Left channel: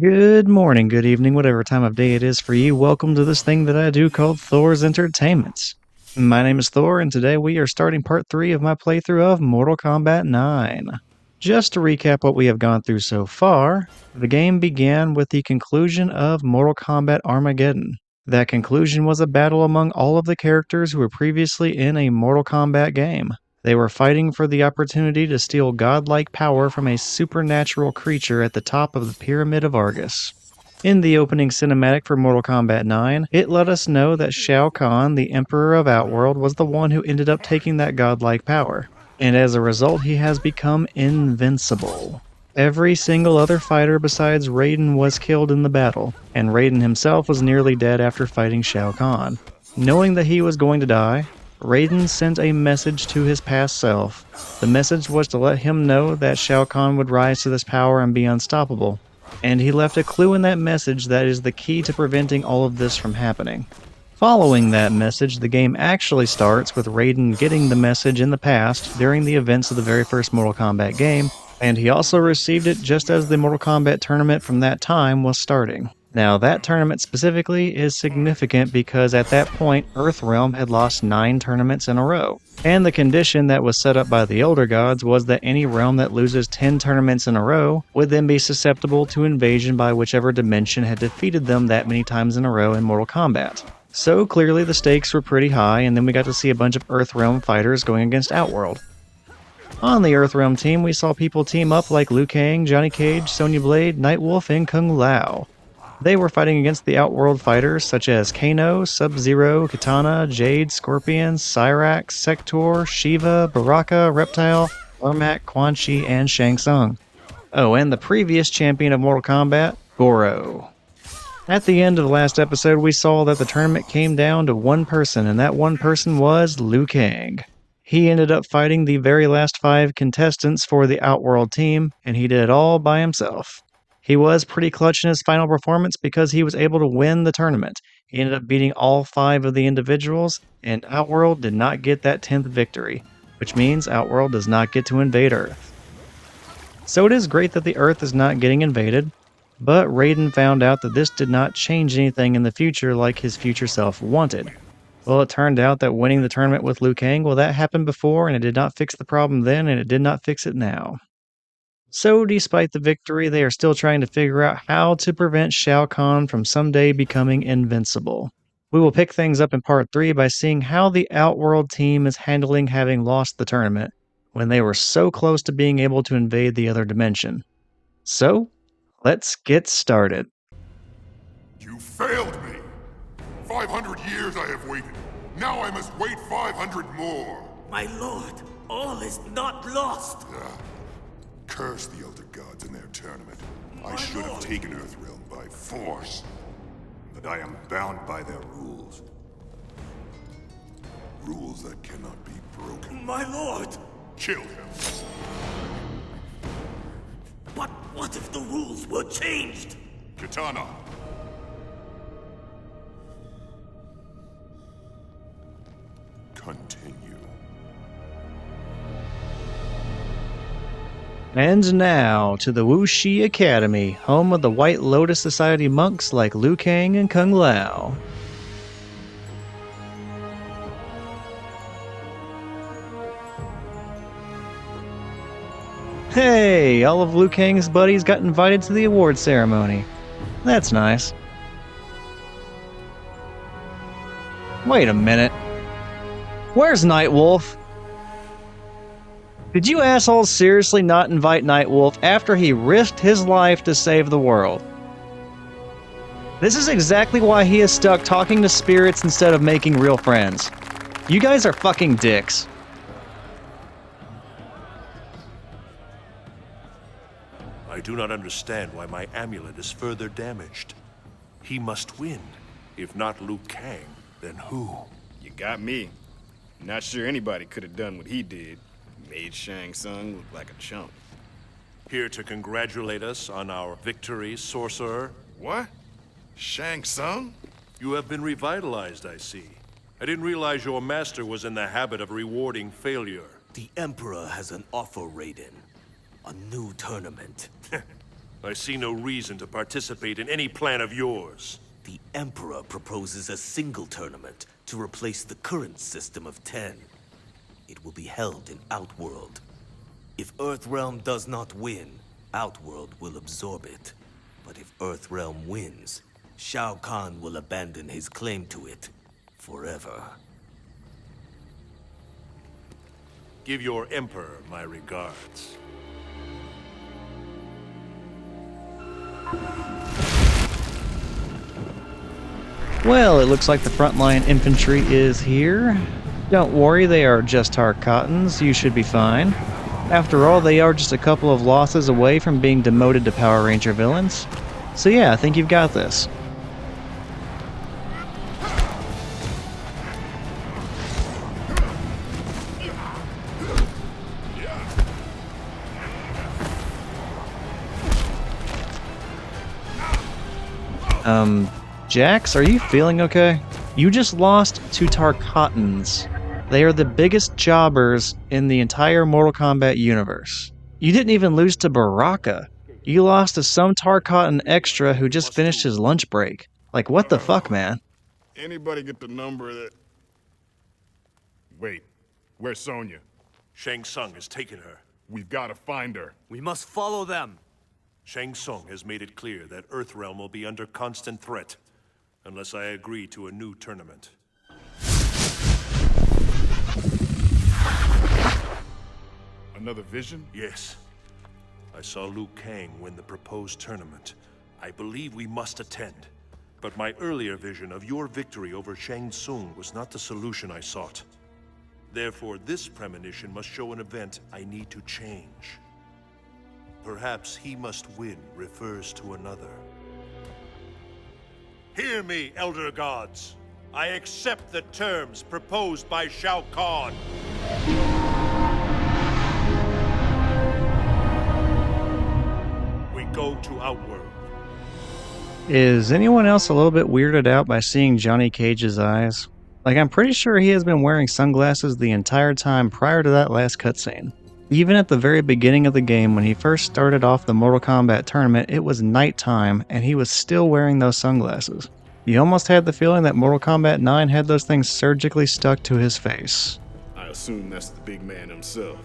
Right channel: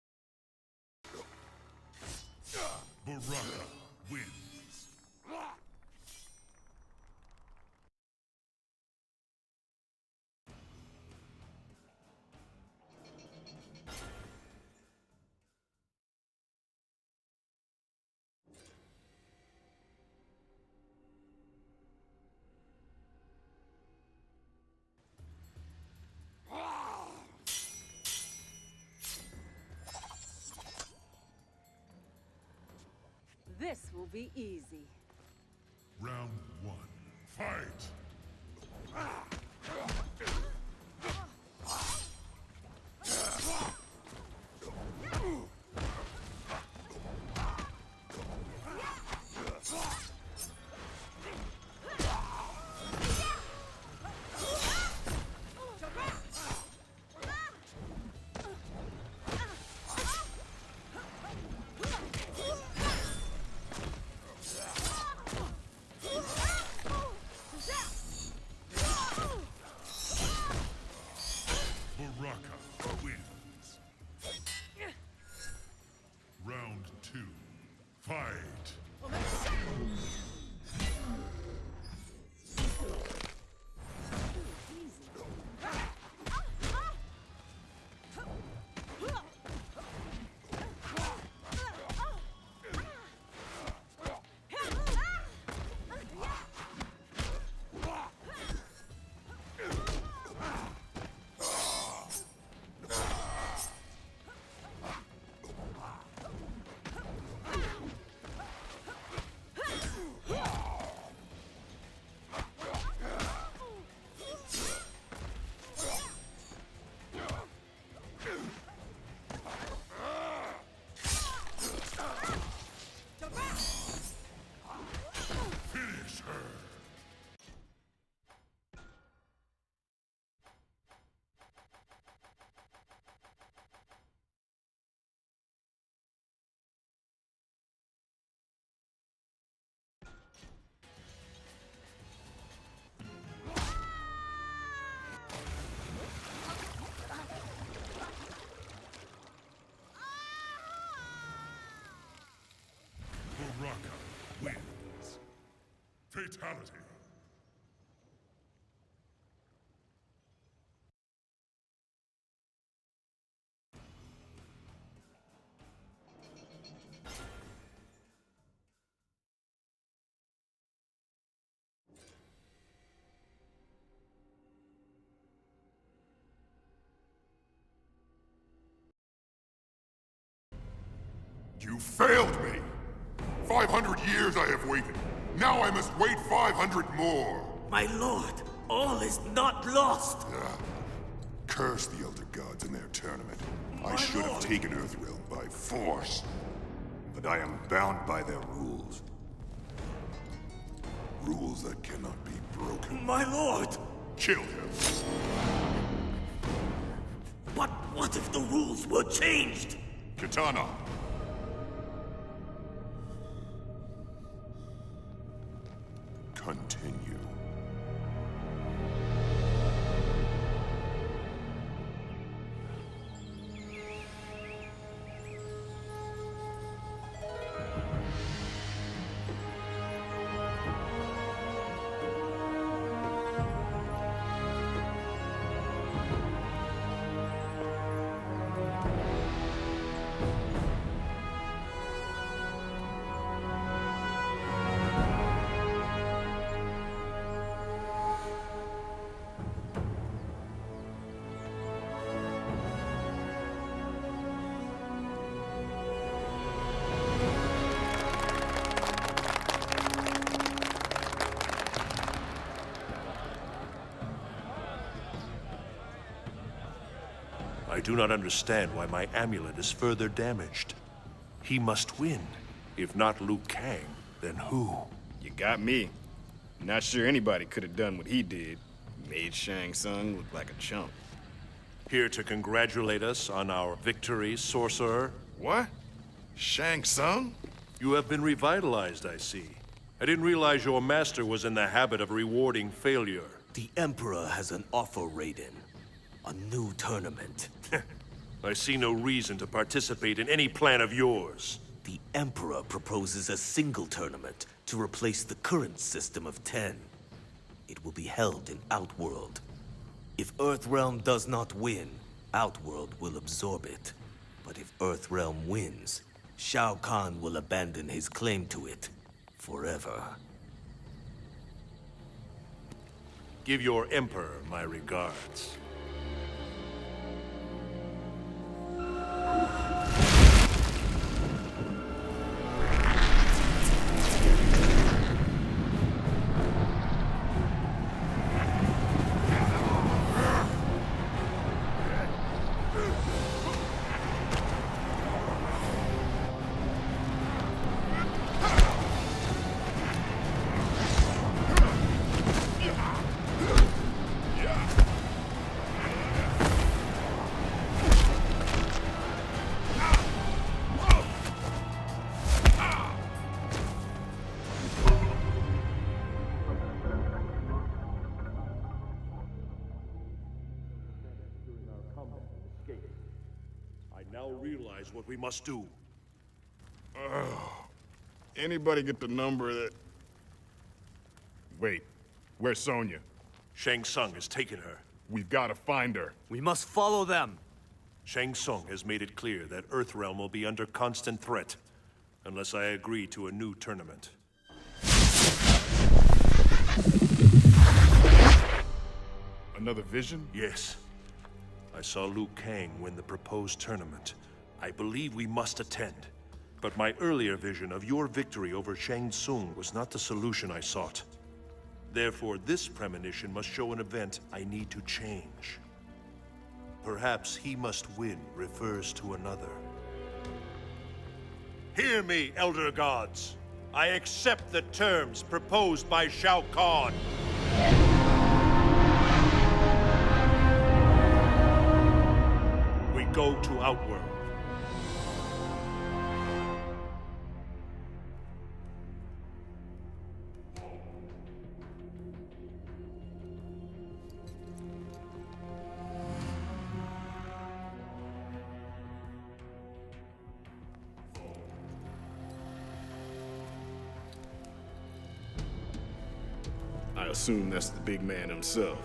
Good morning, good evening, whatever time of day it is for you. Welcome to this thing that I do called Thor's Entertainment. My name is Thor, and today we are starting part 3 of my playthrough of Mortal Kombat 9. Just to recap what we have gone through so far, the game began with the conclusion of Mortal Kombat Armageddon. That conclusion was a battle among all of the characters who were previously in a Mortal Kombat game. They were fighting for the opportunity to steal godlike power from a supernatural creature at the top of the Pyramid of Argus. In the opening cinematic for Mortal Kombat 9, it let us know that Shao Khan, the Emperor of Outworld, was the one who ended up taking that godlike power, and as a result he has become invincible. Every single other fighter besides Raiden was killed in the battle, and Raiden himself was nearly dead after fighting Shao Kahn. Knowing that he was going to die, Raiden sent a message to his past self. The message was to let him know that Shao Kahn would rise to this power and be unstoppable. And he left a clue in that message that is the key to preventing all of this from happening. Following that message, the game actually starts with Raiden getting the message in the past during the events of the very first Mortal Kombat game, and he also received it just as the Mortal Kombat tournament from that time was starting. Now, that tournament specifically is significant because at that point, Earthrealm had lost 9 tournaments in a row. And the condition that was set up by the Elder Gods was that any realm that loses 10 tournaments in a row would then be susceptible to invasion by whichever dimension had defeated them that many times in a row in Mortal Kombat. So clearly the stakes were pretty high, and then we got to see a bunch of Earthrealm fighters going against Outworld. On the Earthrealm team, we saw people team up like Liu Kang, Johnny Cage, Sonya Blade, Nightwolf, and Kung Lao. They were fighting against the Outworld fighters such as Kano, Sub-Zero, Katana, Jade, Scorpion, Cyrax, Sector, Shiva, Baraka, Reptile, Ermac, Quan Chi, and Shang Tsung. Oh, and the previous champion of Mortal Kombat, Goro. At the end of the last episode, we saw that the tournament came down to one person, and that one person was Liu Kang. He ended up fighting the very last 5 contestants for the Outworld team, and he did it all by himself. He was pretty clutch in his final performance because he was able to win the tournament. He ended up beating all 5 of the individuals, and Outworld did not get that 10th victory, which means Outworld does not get to invade Earth. So it is great that the Earth is not getting invaded, but Raiden found out that this did not change anything in the future like his future self wanted. Well, it turned out that winning the tournament with Liu Kang, well, that happened before, and it did not fix the problem then, and it did not fix it now. So, despite the victory, they are still trying to figure out how to prevent Shao Kahn from someday becoming invincible. We will pick things up in part 3 by seeing how the Outworld team is handling having lost the tournament, when they were so close to being able to invade the other dimension. So, let's get started. You failed me! 500 years I have waited. Now I must wait 500 more. My lord, all is not lost. Curse the Elder Gods in their tournament. I should have taken Earthrealm by force. But I am bound by their rules. Rules that cannot be broken. My lord! Kill him. But what if the rules were changed? Katana. Continue. And now to the Wuxi Academy, home of the White Lotus Society monks like Liu Kang and Kung Lao. Hey, all of Liu Kang's buddies got invited to the award ceremony. That's nice. Wait a minute. Where's Nightwolf? Did you assholes seriously not invite Nightwolf after he risked his life to save the world? This is exactly why he is stuck talking to spirits instead of making real friends. You guys are fucking dicks. I do not understand why my amulet is further damaged. He must win. If not Liu Kang, then who? You got me. Not sure anybody could have done what he did. Made Shang Tsung look like a chump. Here to congratulate us on our victory, sorcerer? What? Shang Tsung? You have been revitalized, I see. I didn't realize your master was in the habit of rewarding failure. The Emperor has an offer, Raiden. A new tournament. I see no reason to participate in any plan of yours. The Emperor proposes a single tournament to replace the current system of 10. It will be held in Outworld. If Earthrealm does not win, Outworld will absorb it. But if Earthrealm wins, Shao Khan will abandon his claim to it forever. Give your Emperor my regards. Well, it looks like the frontline infantry is here. Don't worry, they are just Tarkatans. You should be fine. After all, they are just a couple of losses away from being demoted to Power Ranger villains. So yeah, I think you've got this. Jax, are you feeling okay? You just lost to Tarkatans. They are the biggest jobbers in the entire Mortal Kombat universe. You didn't even lose to Baraka. You lost to some Tarkatan extra who just finished his lunch break. Like, what the fuck, man? Anybody get the number that... Wait, where's Sonya? Shang Tsung has taken her. We've got to find her. We must follow them. Shang Tsung has made it clear that Earthrealm will be under constant threat, unless I agree to a new tournament. Another vision? Yes. I saw Liu Kang win the proposed tournament. I believe we must attend. But my earlier vision of your victory over Shang Tsung was not the solution I sought. Therefore, this premonition must show an event I need to change. Perhaps he must win refers to another. Hear me, Elder Gods. I accept the terms proposed by Shao Khan. We go to Outworld. Is anyone else a little bit weirded out by seeing Johnny Cage's eyes? Like, I'm pretty sure he has been wearing sunglasses the entire time prior to that last cutscene. Even at the very beginning of the game, when he first started off the Mortal Kombat tournament, it was nighttime, and he was still wearing those sunglasses. You almost had the feeling that Mortal Kombat 9 had those things surgically stuck to his face. I assume that's the big man himself.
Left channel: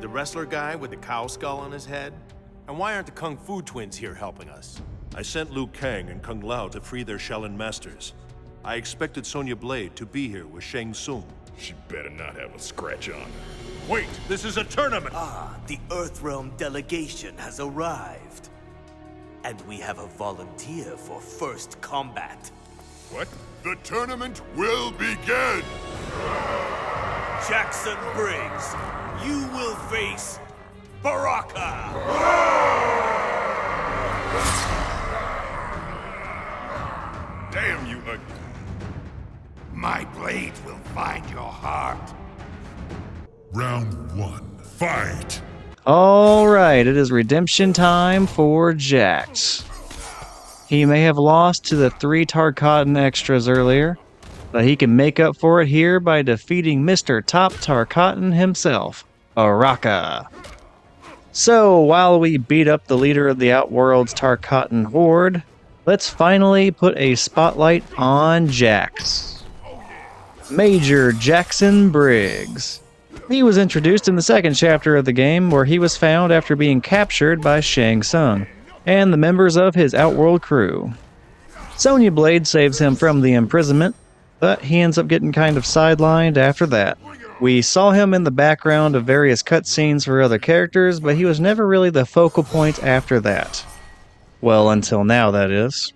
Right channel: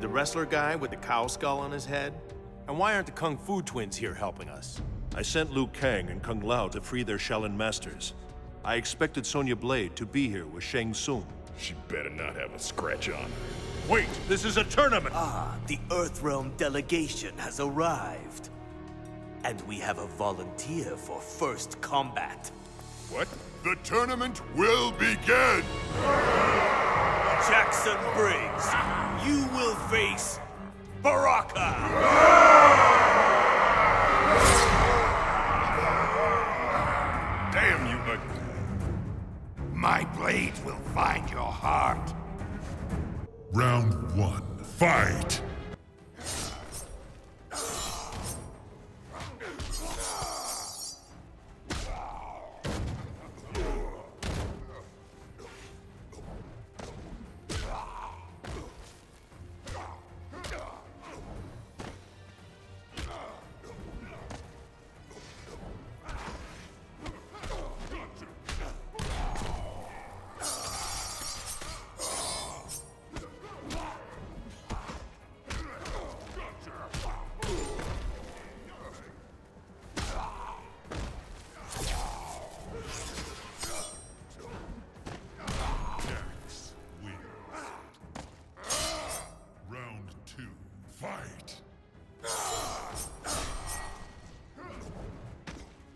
The wrestler guy with the cow skull on his head? And why aren't the Kung Fu twins here helping us? I sent Liu Kang and Kung Lao to free their Shaolin masters. I expected Sonya Blade to be here with Shang Tsung. She better not have a scratch on her. Wait, this is a tournament! Ah, the Earthrealm delegation has arrived. And we have a volunteer for first combat. What? The tournament will begin! Jackson Briggs, you will face Baraka! Damn you, My blade will find your heart. Round 1. Fight! Alright, it is redemption time for Jax. He may have lost to the 3 Tarkatan extras earlier, but he can make up for it here by defeating Mr. Top Tarkatan himself, Baraka. So, while we beat up the leader of the Outworld's Tarkatan horde, let's finally put a spotlight on Jax. Major Jackson Briggs. He was introduced in the second chapter of the game, where he was found after being captured by Shang Tsung and the members of his Outworld crew. Sonya Blade saves him from the imprisonment, but he ends up getting kind of sidelined after that. We saw him in the background of various cutscenes for other characters, but he was never really the focal point after that. Well, until now, that is.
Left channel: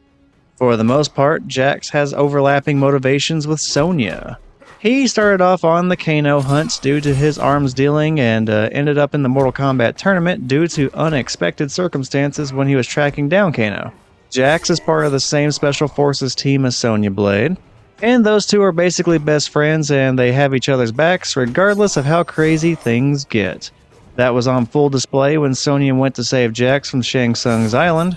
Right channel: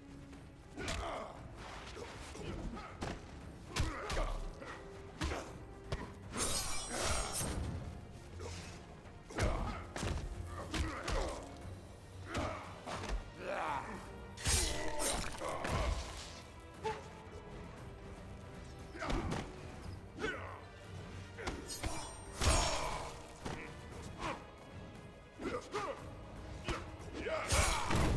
For the most part, Jax has overlapping motivations with Sonya. He started off on the Kano hunts due to his arms dealing and ended up in the Mortal Kombat tournament due to unexpected circumstances when he was tracking down Kano. Jax is part of the same Special Forces team as Sonya Blade, and those two are basically best friends and they have each other's backs regardless of how crazy things get. That was on full display when Sonya went to save Jax from Shang Tsung's island.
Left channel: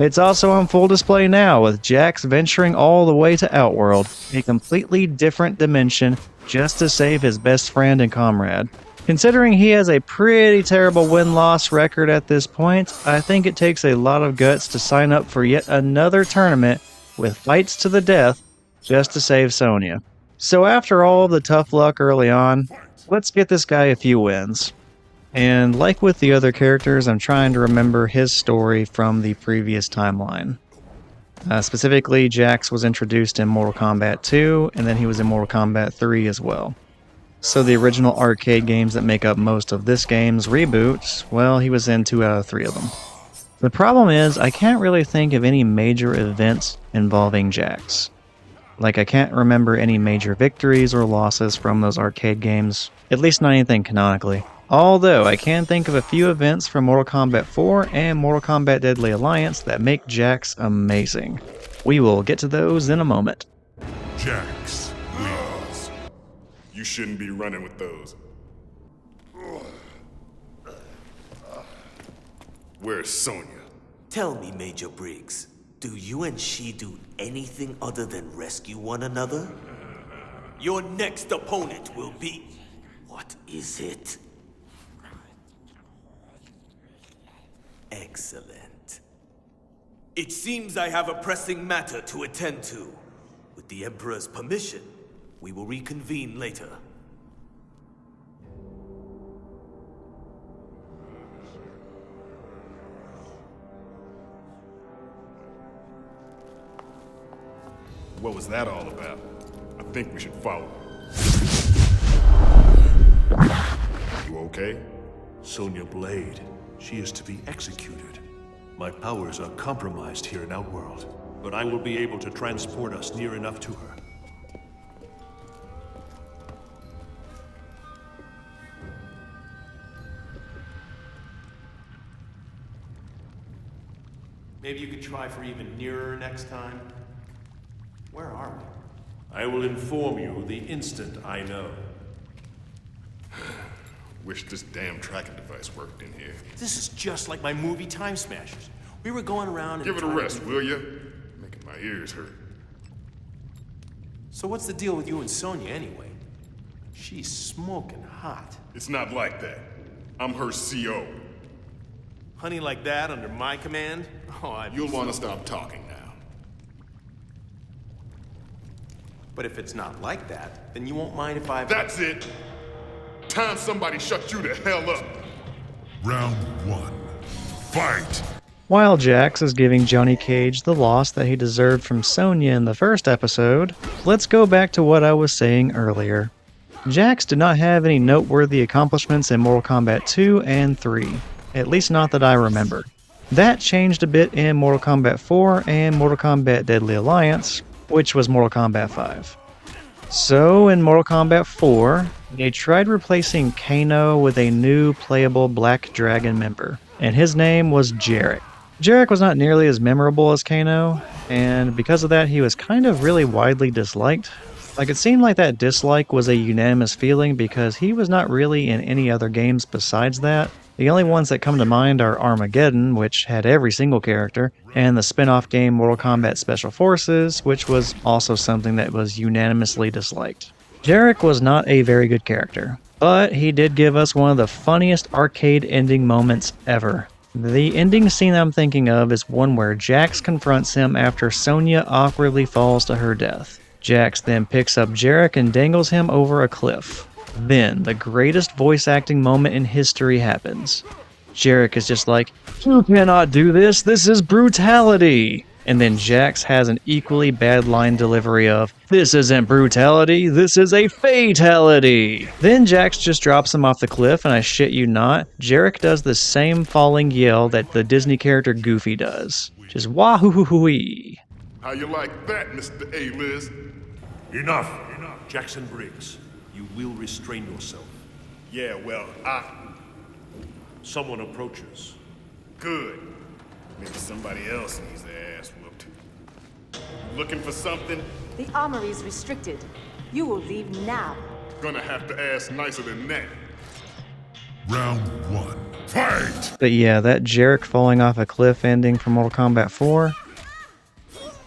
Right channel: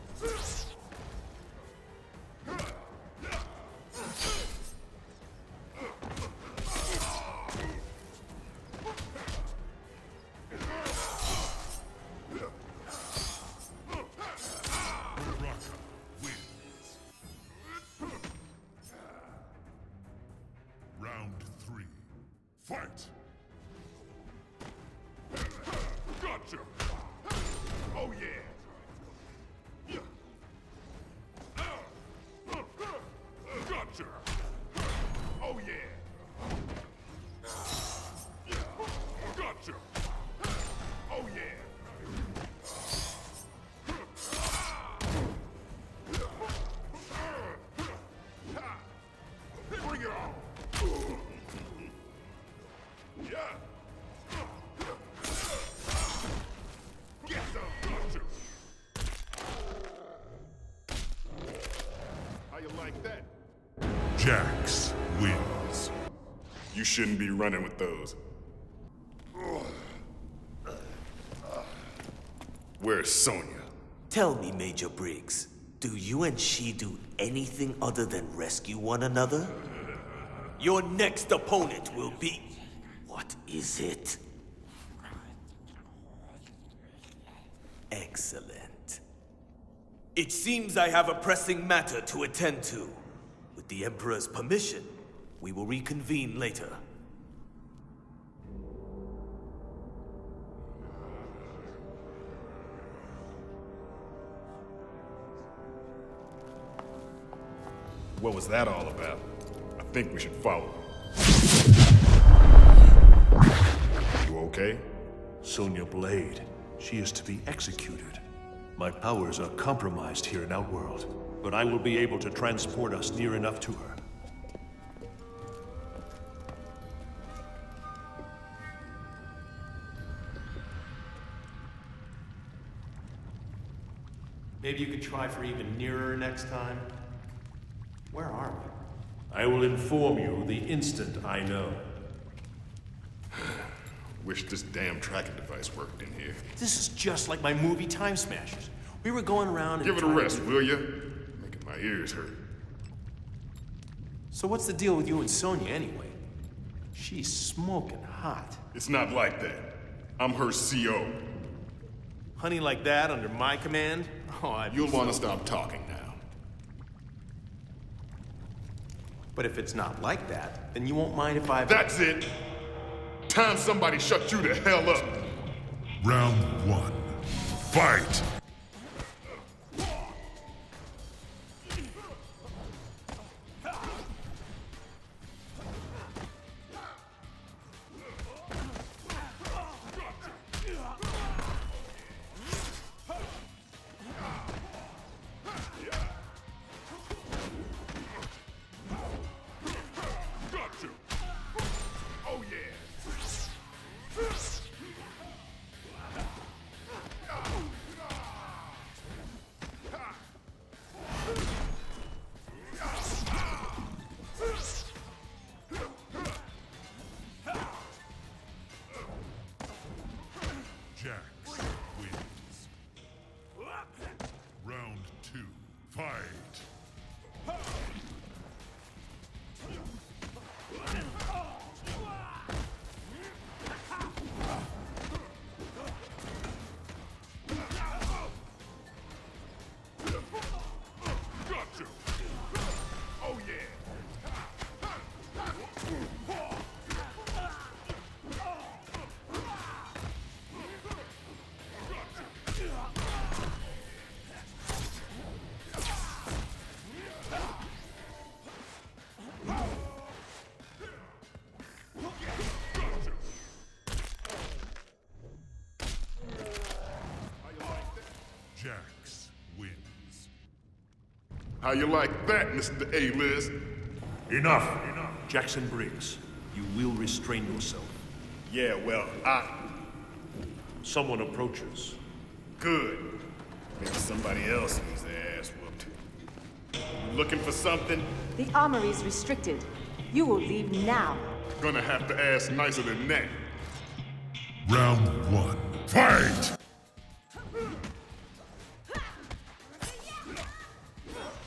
It's also on full display now, with Jax venturing all the way to Outworld, a completely different dimension, just to save his best friend and comrade. Considering he has a pretty terrible win-loss record at this point, I think it takes a lot of guts to sign up for yet another tournament with fights to the death just to save Sonya. So after all of the tough luck early on, let's get this guy a few wins. And like with the other characters, I'm trying to remember his story from the previous timeline. Specifically, Jax was introduced in Mortal Kombat 2, and then he was in Mortal Kombat 3 as well. So the original arcade games that make up most of this game's reboots, well, he was in 2 out of 3 of them. The problem is, I can't really think of any major events involving Jax. Like, I can't remember any major victories or losses from those arcade games, at least not anything canonically. Although, I can think of a few events from Mortal Kombat 4 and Mortal Kombat Deadly Alliance that make Jax amazing. We will get to those in a moment. Jax wins. You shouldn't be running with those. Where's Sonya? Tell me, Major Briggs, do you and she do anything other than rescue one another? Your next opponent will be... What is it? Excellent. It seems I have a pressing matter to attend to. With the Emperor's permission, we will reconvene later. What was that all about? I think we should follow him. You okay? Sonya Blade. She is to be executed. My powers are compromised here in Outworld, but I will be able to transport us near enough to her. Maybe you could try for even nearer next time. Where are we? I will inform you the instant I know. Wish this damn tracking device worked in here. This is just like my movie Time Smashers. We were going around and Give it a trying to- rest, will ya? Making my ears hurt. So what's the deal with you and Sonya anyway? She's smoking hot. It's not like that. I'm her CO. Honey like that under my command? Oh, You'll want to stop talking now. But if it's not like that, then you won't mind if I... That's it! Time somebody shut you the hell up! Round 1. Fight! While Jax is giving Johnny Cage the loss that he deserved from Sonya in the first episode, let's go back to what I was saying earlier. Jax did not have any noteworthy accomplishments in Mortal Kombat 2 and 3, at least not that I remember. That changed a bit in Mortal Kombat 4 and Mortal Kombat Deadly Alliance, which was Mortal Kombat 5. So, in Mortal Kombat 4, they tried replacing Kano with a new playable Black Dragon member, and his name was Jarek. Jarek was not nearly as memorable as Kano, and because of that he was kind of really widely disliked. Like, it seemed like that dislike was a unanimous feeling because he was not really in any other games besides that. The only ones that come to mind are Armageddon, which had every single character, and the spin-off game Mortal Kombat Special Forces, which was also something that was unanimously disliked. Jarek was not a very good character, but he did give us one of the funniest arcade ending moments ever. The ending scene I'm thinking of is one where Jax confronts him after Sonya awkwardly falls to her death. Jax then picks up Jarek and dangles him over a cliff. Then, the greatest voice acting moment in history happens. Jarek is just like, "You cannot do this, this is brutality!" And then Jax has an equally bad line delivery of, "This isn't brutality, this is a fatality!" Then Jax just drops him off the cliff, and I shit you not, Jarek does the same falling yell that the Disney character Goofy does. Just wahoo-hoo-hoo-wee. How you like that, Mr. A-List? Enough! Jackson Briggs, you will restrain yourself. Yeah, well, Someone approaches. Good. Maybe somebody else needs their ass whooped. You looking for something? The armory is restricted. You will leave now. Gonna have to ask nicer than that. Round 1. Fight! But yeah, that Jarek falling off a cliff ending from Mortal Kombat 4,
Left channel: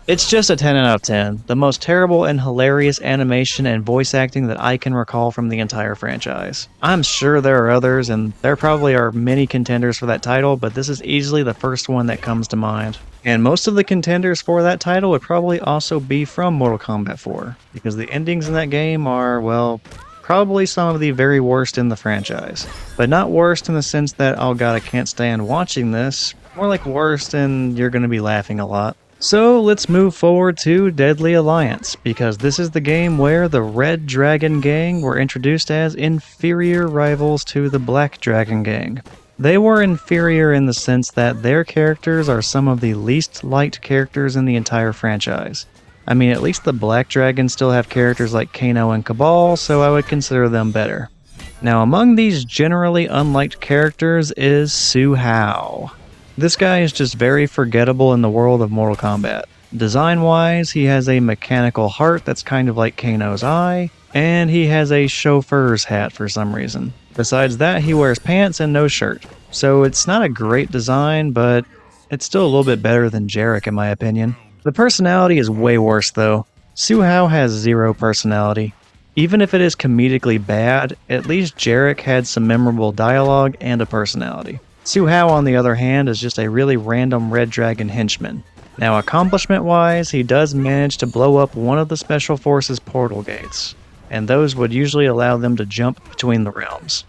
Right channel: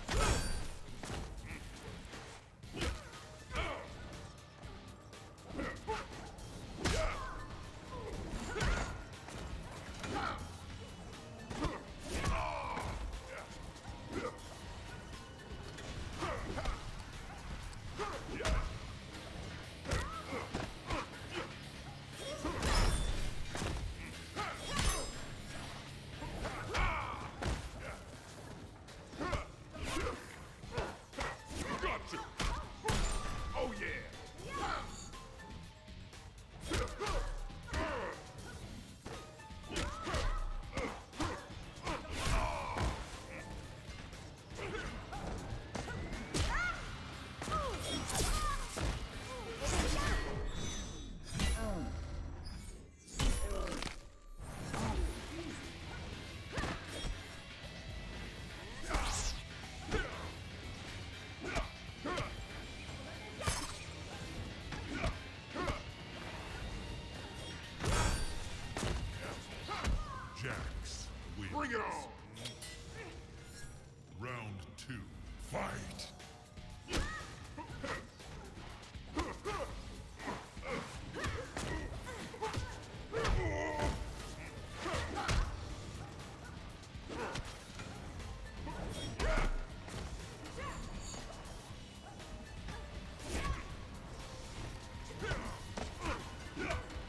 it's just a 10 out of 10. The most terrible and hilarious animation and voice acting that I can recall from the entire franchise. I'm sure there are others, and there probably are many contenders for that title, but this is easily the first one that comes to mind. And most of the contenders for that title would probably also be from Mortal Kombat 4, because the endings in that game are, well, probably some of the very worst in the franchise. But not worst in the sense that, oh god, I can't stand watching this, more like worst and you're gonna be laughing a lot. So let's move forward to Deadly Alliance, because this is the game where the Red Dragon Gang were introduced as inferior rivals to the Black Dragon Gang. They were inferior in the sense that their characters are some of the least liked characters in the entire franchise. I mean, at least the Black Dragons still have characters like Kano and Cabal, so I would consider them better. Now, among these generally unliked characters is Su Hao. This guy is just very forgettable in the world of Mortal Kombat. Design-wise, he has a mechanical heart that's kind of like Kano's eye, and he has a chauffeur's hat for some reason. Besides that, he wears pants and no shirt. So it's not a great design, but it's still a little bit better than Jarek in my opinion. The personality is way worse though. Su Hao has zero personality. Even if it is comedically bad, at least Jarek had some memorable dialogue and a personality. Su Hao, on the other hand, is just a really random Red Dragon henchman. Now, accomplishment-wise, he does manage to blow up one of the Special Forces portal gates, and those would usually allow them to jump between the realms.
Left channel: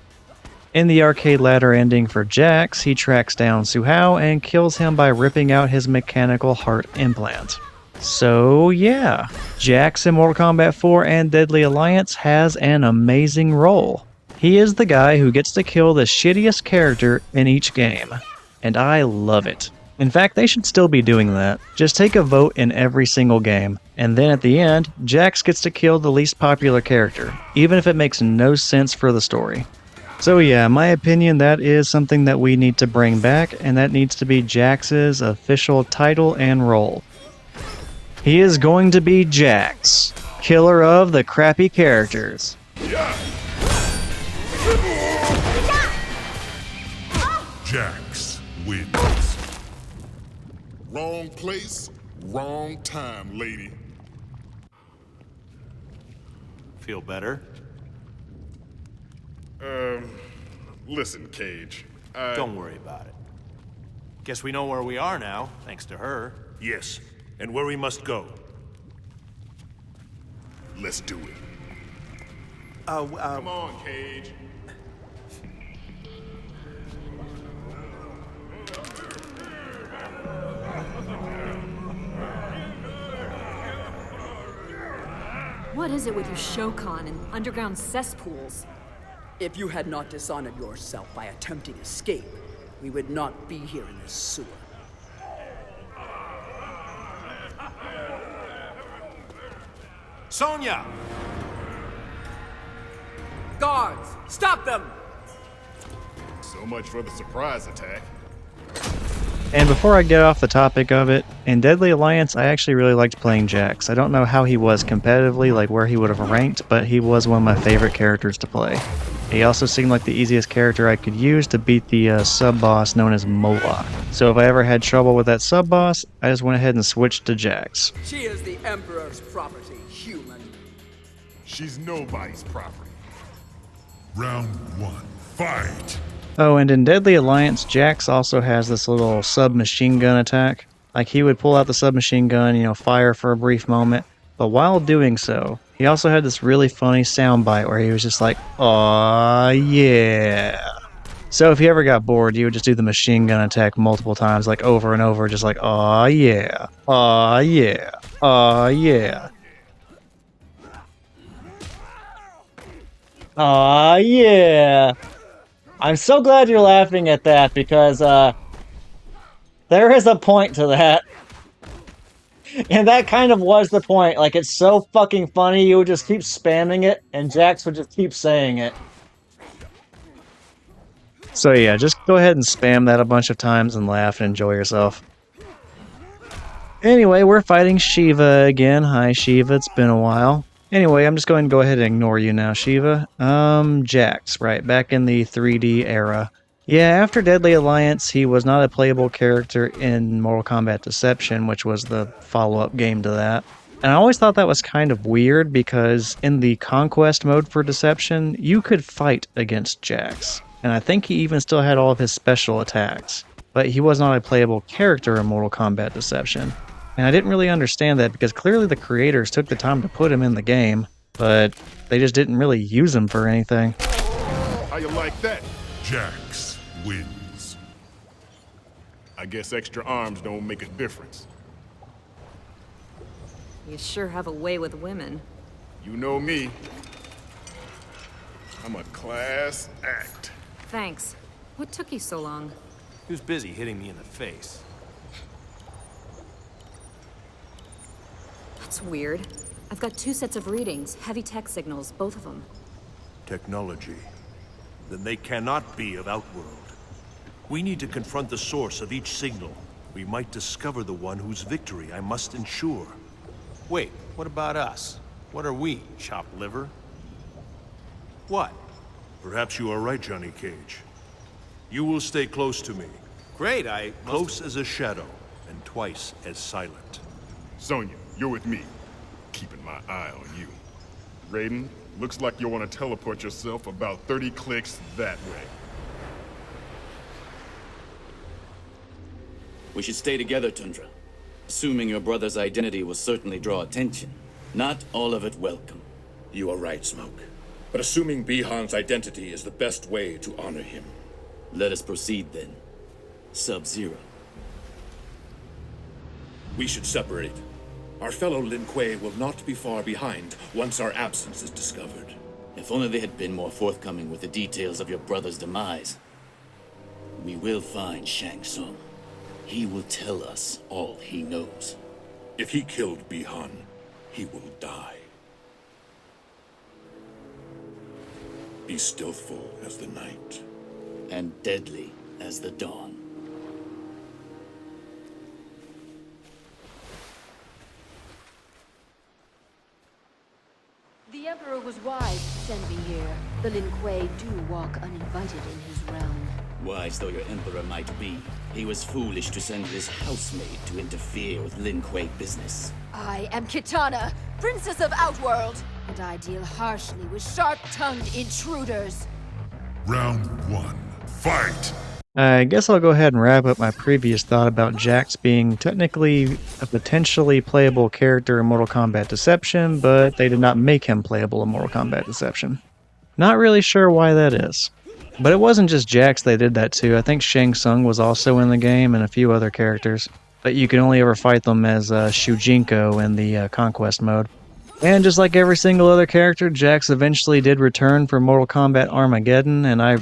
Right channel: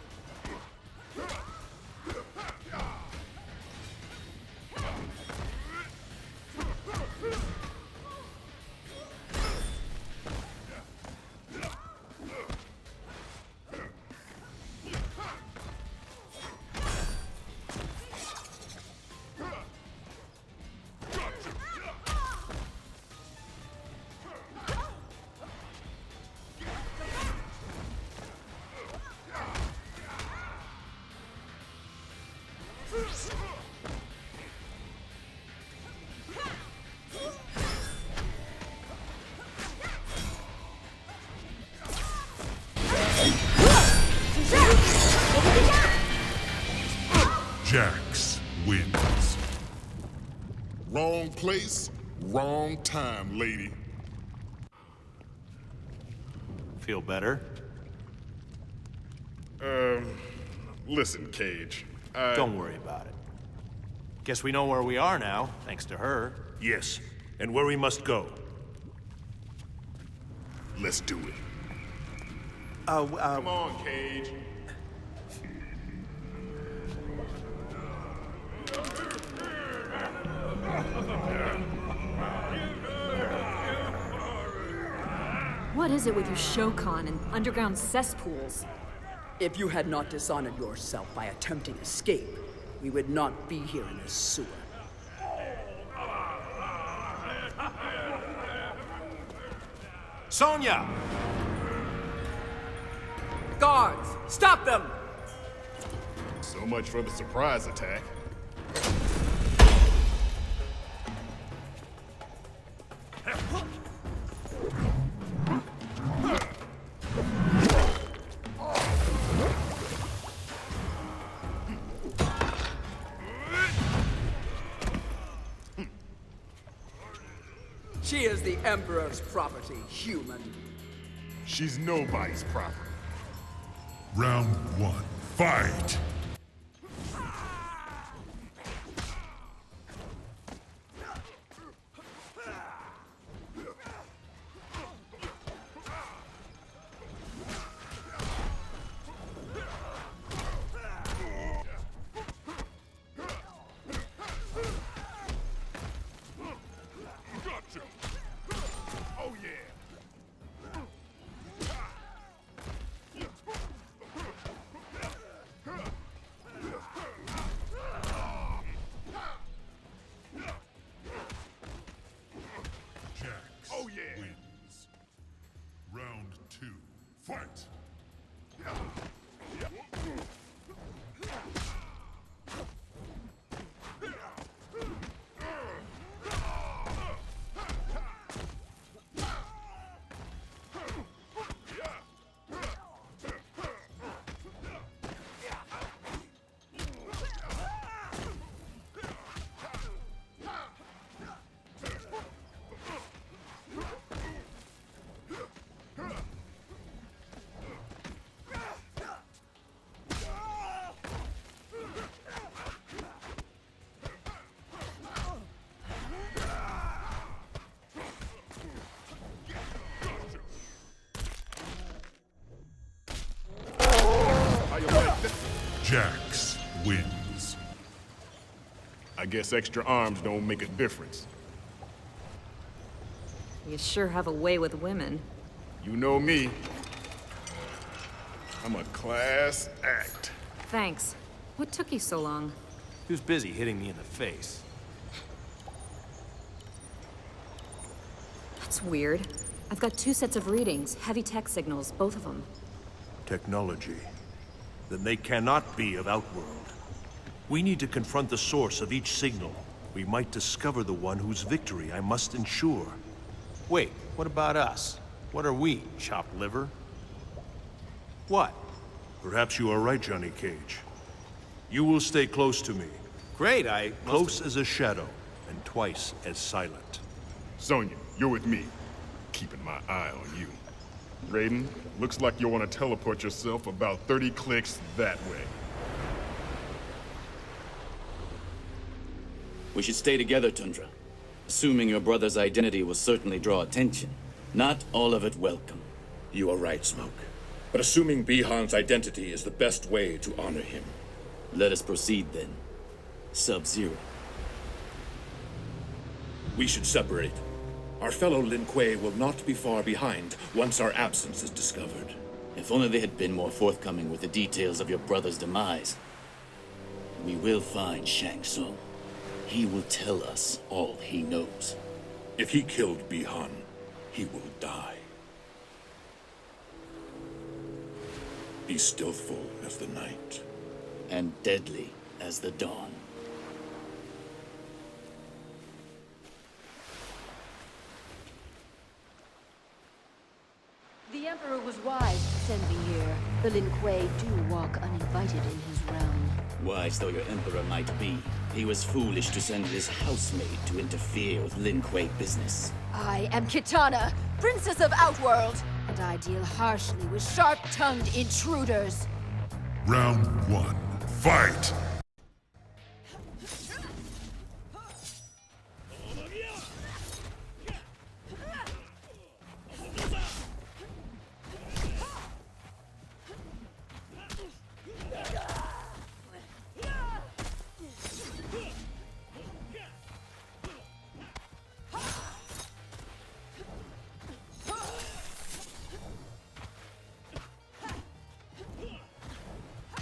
In the arcade ladder ending for Jax, he tracks down Su Hao and kills him by ripping out his mechanical heart implant. So yeah, Jax in Mortal Kombat 4 and Deadly Alliance has an amazing role. He is the guy who gets to kill the shittiest character in each game, and I love it. In fact, they should still be doing that. Just take a vote in every single game, and then at the end, Jax gets to kill the least popular character, even if it makes no sense for the story. So yeah, in my opinion, that is something that we need to bring back, and that needs to be Jax's official title and role. He is going to be Jax, killer of the crappy characters. Jax wins. Wrong place, wrong time, lady. Feel better? Listen, Cage. Don't worry about it. Guess we know where we are now, thanks to her. Yes, and where we must go. Let's do it. Come on, Cage. What is it with you Shao Khan and underground cesspools? If you had not dishonored yourself by attempting escape, we would not be here in this sewer. Sonya! Guards, stop them! So much for the surprise attack. And before I get off the topic of it, in Deadly Alliance, I actually really liked playing Jax. I don't know how he was competitively, like where he would have ranked, but he was one of my favorite characters to play. He also seemed like the easiest character I could use to beat the sub-boss known as Moloch. So if I ever had trouble with that sub-boss, I just went ahead and switched to Jax. She is the Emperor's property, human. She's nobody's property. Round one. Fight! Oh, and in Deadly Alliance, Jax also has this little submachine gun attack. Like, he would pull out the submachine gun, fire for a brief moment, but while doing so, he also had this really funny soundbite where he was just like, "Aw, yeah." So if you ever got bored, you would just do the machine gun attack multiple times, like over and over, just like, "Aw, yeah, aw, yeah, aw, yeah. Aw, yeah." I'm so glad you're laughing at that, because there is a point to that. And that kind of was the point. Like, it's so fucking funny, you would just keep spamming it, and Jax would just keep saying it. So yeah, just go ahead and spam that a bunch of times and laugh and enjoy yourself. Anyway, we're fighting Shiva again. Hi Shiva, it's been a while. Anyway, I'm just going to go ahead and ignore you now, Shiva. Jax, right, back in the 3D era. Yeah, after Deadly Alliance, he was not a playable character in Mortal Kombat Deception, which was the follow-up game to that. And I always thought that was kind of weird because in the Conquest mode for Deception, you could fight against Jax. And I think he even still had all of his special attacks. But he was not a playable character in Mortal Kombat Deception. And I didn't really understand that because clearly the creators took the time to put him in the game, but they just didn't really use him for anything. How you like that? Jax wins. I guess extra arms don't make a difference. You sure have a way with women. You know me. I'm a class act. Thanks. What took you so long? He was busy hitting me in the face. That's weird. I've got 2 sets of readings, heavy tech signals, both of them. Technology. Then they cannot be of Outworld. We need to confront the source of each signal. We might discover the one whose victory I must ensure. Wait, what about us? What are we, chopped liver? What? Perhaps you are right, Johnny Cage. You will stay close to me. Great, I Close as a shadow, and twice as silent. Sonya, you're with me. Keeping my eye on you. Raiden, looks like you'll want to teleport yourself about 30 clicks that way. We should stay together, Tundra. Assuming your brother's identity will certainly draw attention. Not all of it welcome. You are right, Smoke. But assuming Bihan's identity is the best way to honor him. Let us proceed then. Sub-Zero. We should separate. Our fellow Lin Kuei will not be far behind once our absence is discovered. If only they had been more forthcoming with the details of your brother's demise. We will find Shang Tsung. He will tell us all he knows. If he killed Bihan, he will die. Be stealthful as the night. And deadly as the dawn. The Emperor was wise to send me here. The Lin Kuei do walk uninvited in his realm. Wise though your Emperor might be, he was foolish to send his housemaid to interfere with Lin Kuei business. I am Kitana, Princess of Outworld, and I deal harshly with sharp-tongued intruders. Round 1. Fight! I guess I'll go ahead and wrap up my previous thought about Jax being technically a potentially playable character in Mortal Kombat Deception, but they did not make him playable in Mortal Kombat Deception. Not really sure why that is. But it wasn't just Jax they did that to. I think Shang Tsung was also in the game and a few other characters. But you can only ever fight them as Shujinko in the Conquest mode. And just like every single other character, Jax eventually did return for Mortal Kombat Armageddon, and I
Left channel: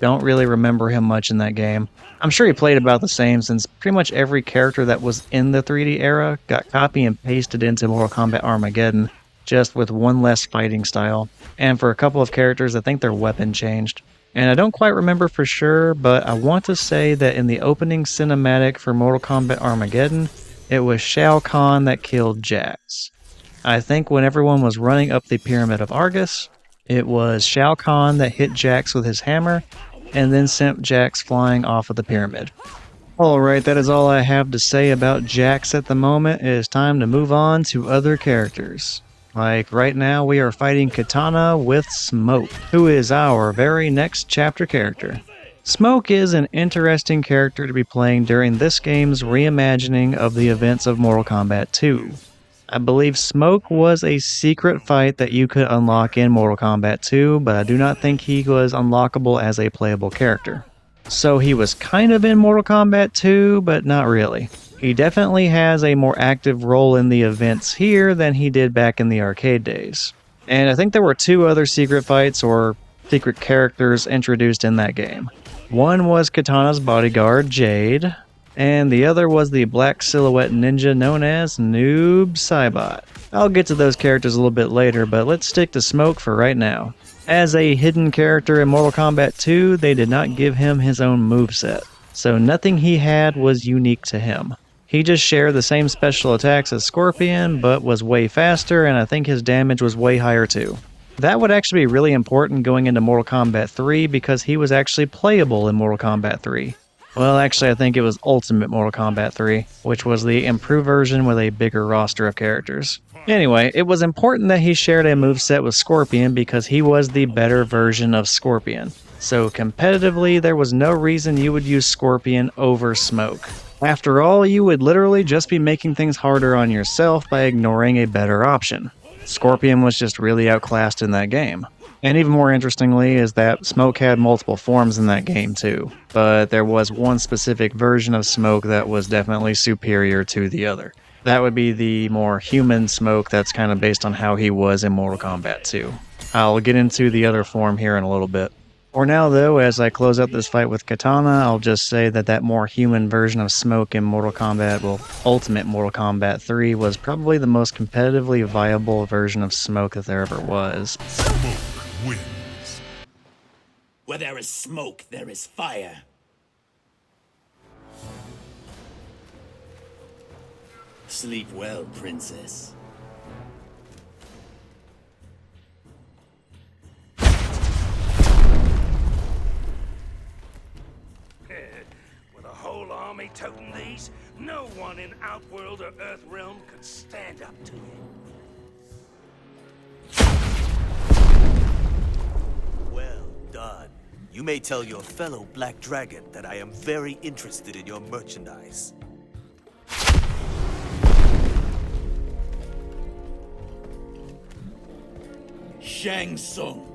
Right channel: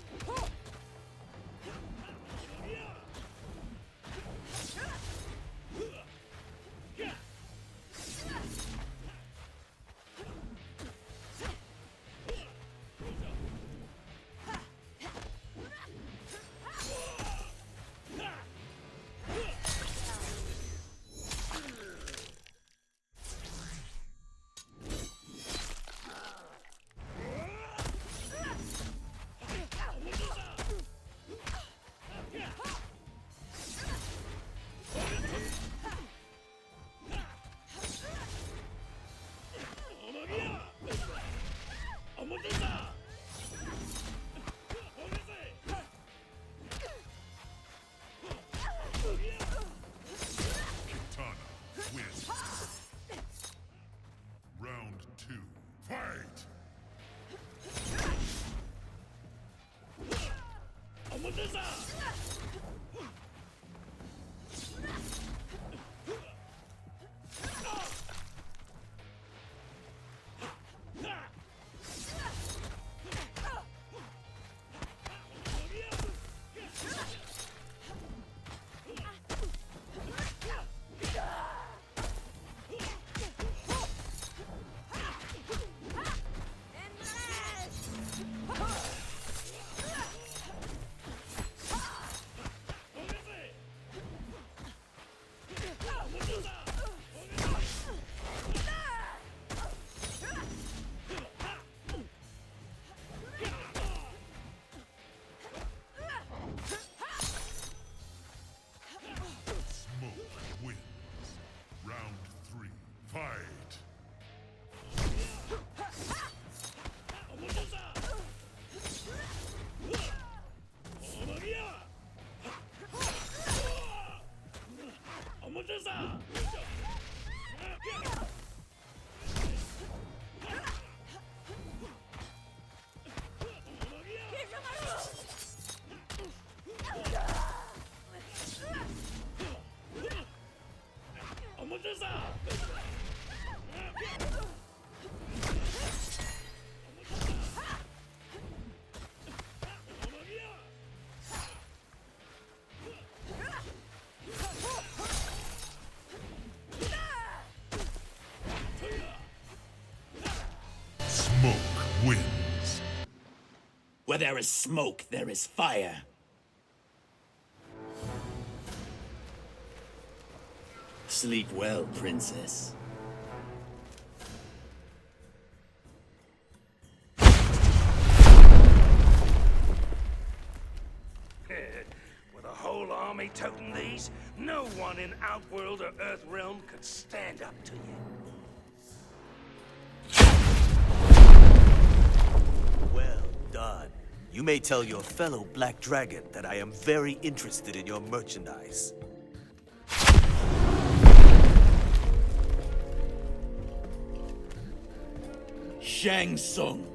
don't really remember him much in that game. I'm sure he played about the same since pretty much every character that was in the 3D era got copy and pasted into Mortal Kombat Armageddon, just with one less fighting style. And for a couple of characters, I think their weapon changed. And I don't quite remember for sure, but I want to say that in the opening cinematic for Mortal Kombat Armageddon, it was Shao Khan that killed Jax. I think when everyone was running up the Pyramid of Argus, it was Shao Khan that hit Jax with his hammer, and then sent Jax flying off of the pyramid. Alright, that is all I have to say about Jax at the moment. It is time to move on to other characters. Like, right now we are fighting Kitana with Smoke, who is our very next chapter character. Smoke is an interesting character to be playing during this game's reimagining of the events of Mortal Kombat 2. I believe Smoke was a secret fight that you could unlock in Mortal Kombat 2, but I do not think he was unlockable as a playable character. So he was kind of in Mortal Kombat 2, but not really. He definitely has a more active role in the events here than he did back in the arcade days. And I think there were 2 other secret fights or secret characters introduced in that game. One was Kitana's bodyguard, Jade, and the other was the black silhouette ninja known as Noob Saibot. I'll get to those characters a little bit later, but let's stick to Smoke for right now. As a hidden character in Mortal Kombat 2, they did not give him his own moveset, so nothing he had was unique to him. He just shared the same special attacks as Scorpion, but was way faster, and I think his damage was way higher too. That would actually be really important going into Mortal Kombat 3 because he was actually playable in Mortal Kombat 3. Well, actually, I think it was Ultimate Mortal Kombat 3, which was the improved version with a bigger roster of characters. Anyway, it was important that he shared a moveset with Scorpion because he was the better version of Scorpion. So competitively, there was no reason you would use Scorpion over Smoke. After all, you would literally just be making things harder on yourself by ignoring a better option. Scorpion was just really outclassed in that game. And even more interestingly is that Smoke had multiple forms in that game too, but there was one specific version of Smoke that was definitely superior to the other. That would be the more human Smoke that's kind of based on how he was in Mortal Kombat 2. I'll get into the other form here in a little bit. For now though, as I close out this fight with Katana, I'll just say that that more human version of Smoke in Mortal Kombat, well, Ultimate Mortal Kombat 3 was probably the most competitively viable version of Smoke that there ever was. Smoke wins. Where there is smoke, there is fire. Sleep well, princess. With a whole army toting these, no one in Outworld or Earthrealm could stand up to you. Well done. You may tell your fellow Black Dragon that I am very interested in your merchandise. Shang Tsung.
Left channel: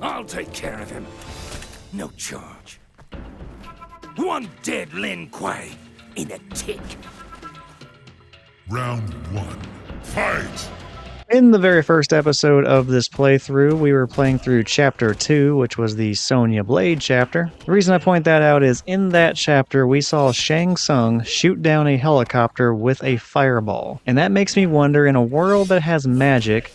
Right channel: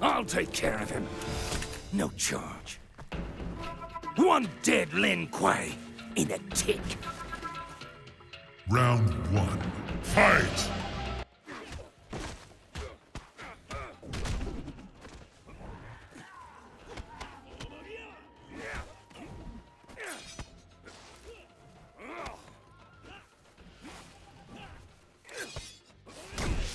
I'll take care of him. No charge. One dead Lin Kuei in a tick. Round 1. Fight! In the very first episode of this playthrough, we were playing through Chapter 2, which was the Sonya Blade chapter. The reason I point that out is in that chapter, we saw Shang Tsung shoot down a helicopter with a fireball. And that makes me wonder, in a world that has magic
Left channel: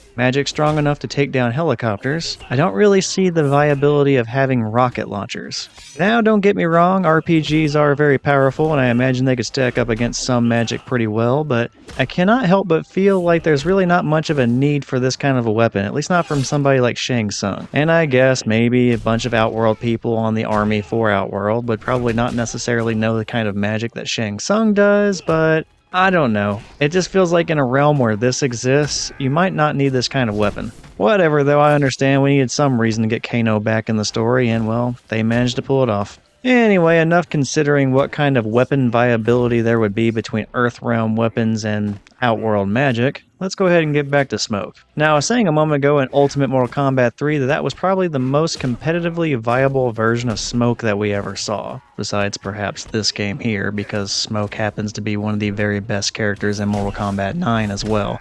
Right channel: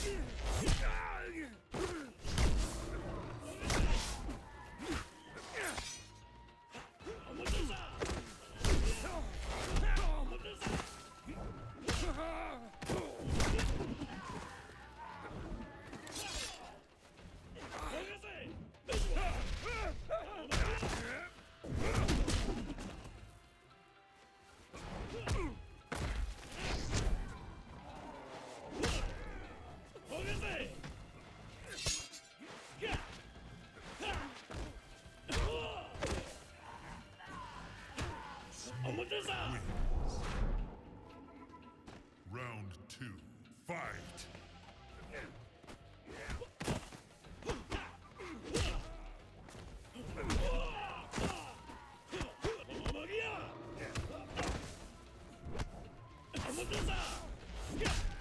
strong enough to take down helicopters, I don't really see the viability of having rocket launchers. Now, don't get me wrong, RPGs are very powerful, and I imagine they could stack up against some magic pretty well, but I cannot help but feel like there's really not much of a need for this kind of a weapon, at least not from somebody like Shang Tsung. And I guess maybe a bunch of Outworld people on the army for Outworld would probably not necessarily know the kind of magic that Shang Tsung does, but I don't know. It just feels like in a realm where this exists, you might not need this kind of weapon. Whatever, though, I understand we needed some reason to get Kano back in the story, and well, they managed to pull it off. Anyway, enough considering what kind of weapon viability there would be between Earthrealm weapons and Outworld magic. Let's go ahead and get back to Smoke. Now, I was saying a moment ago in Ultimate Mortal Kombat 3 that was probably the most competitively viable version of Smoke that we ever saw, besides perhaps this game here, because Smoke happens to be one of the very best characters in Mortal Kombat 9 as well.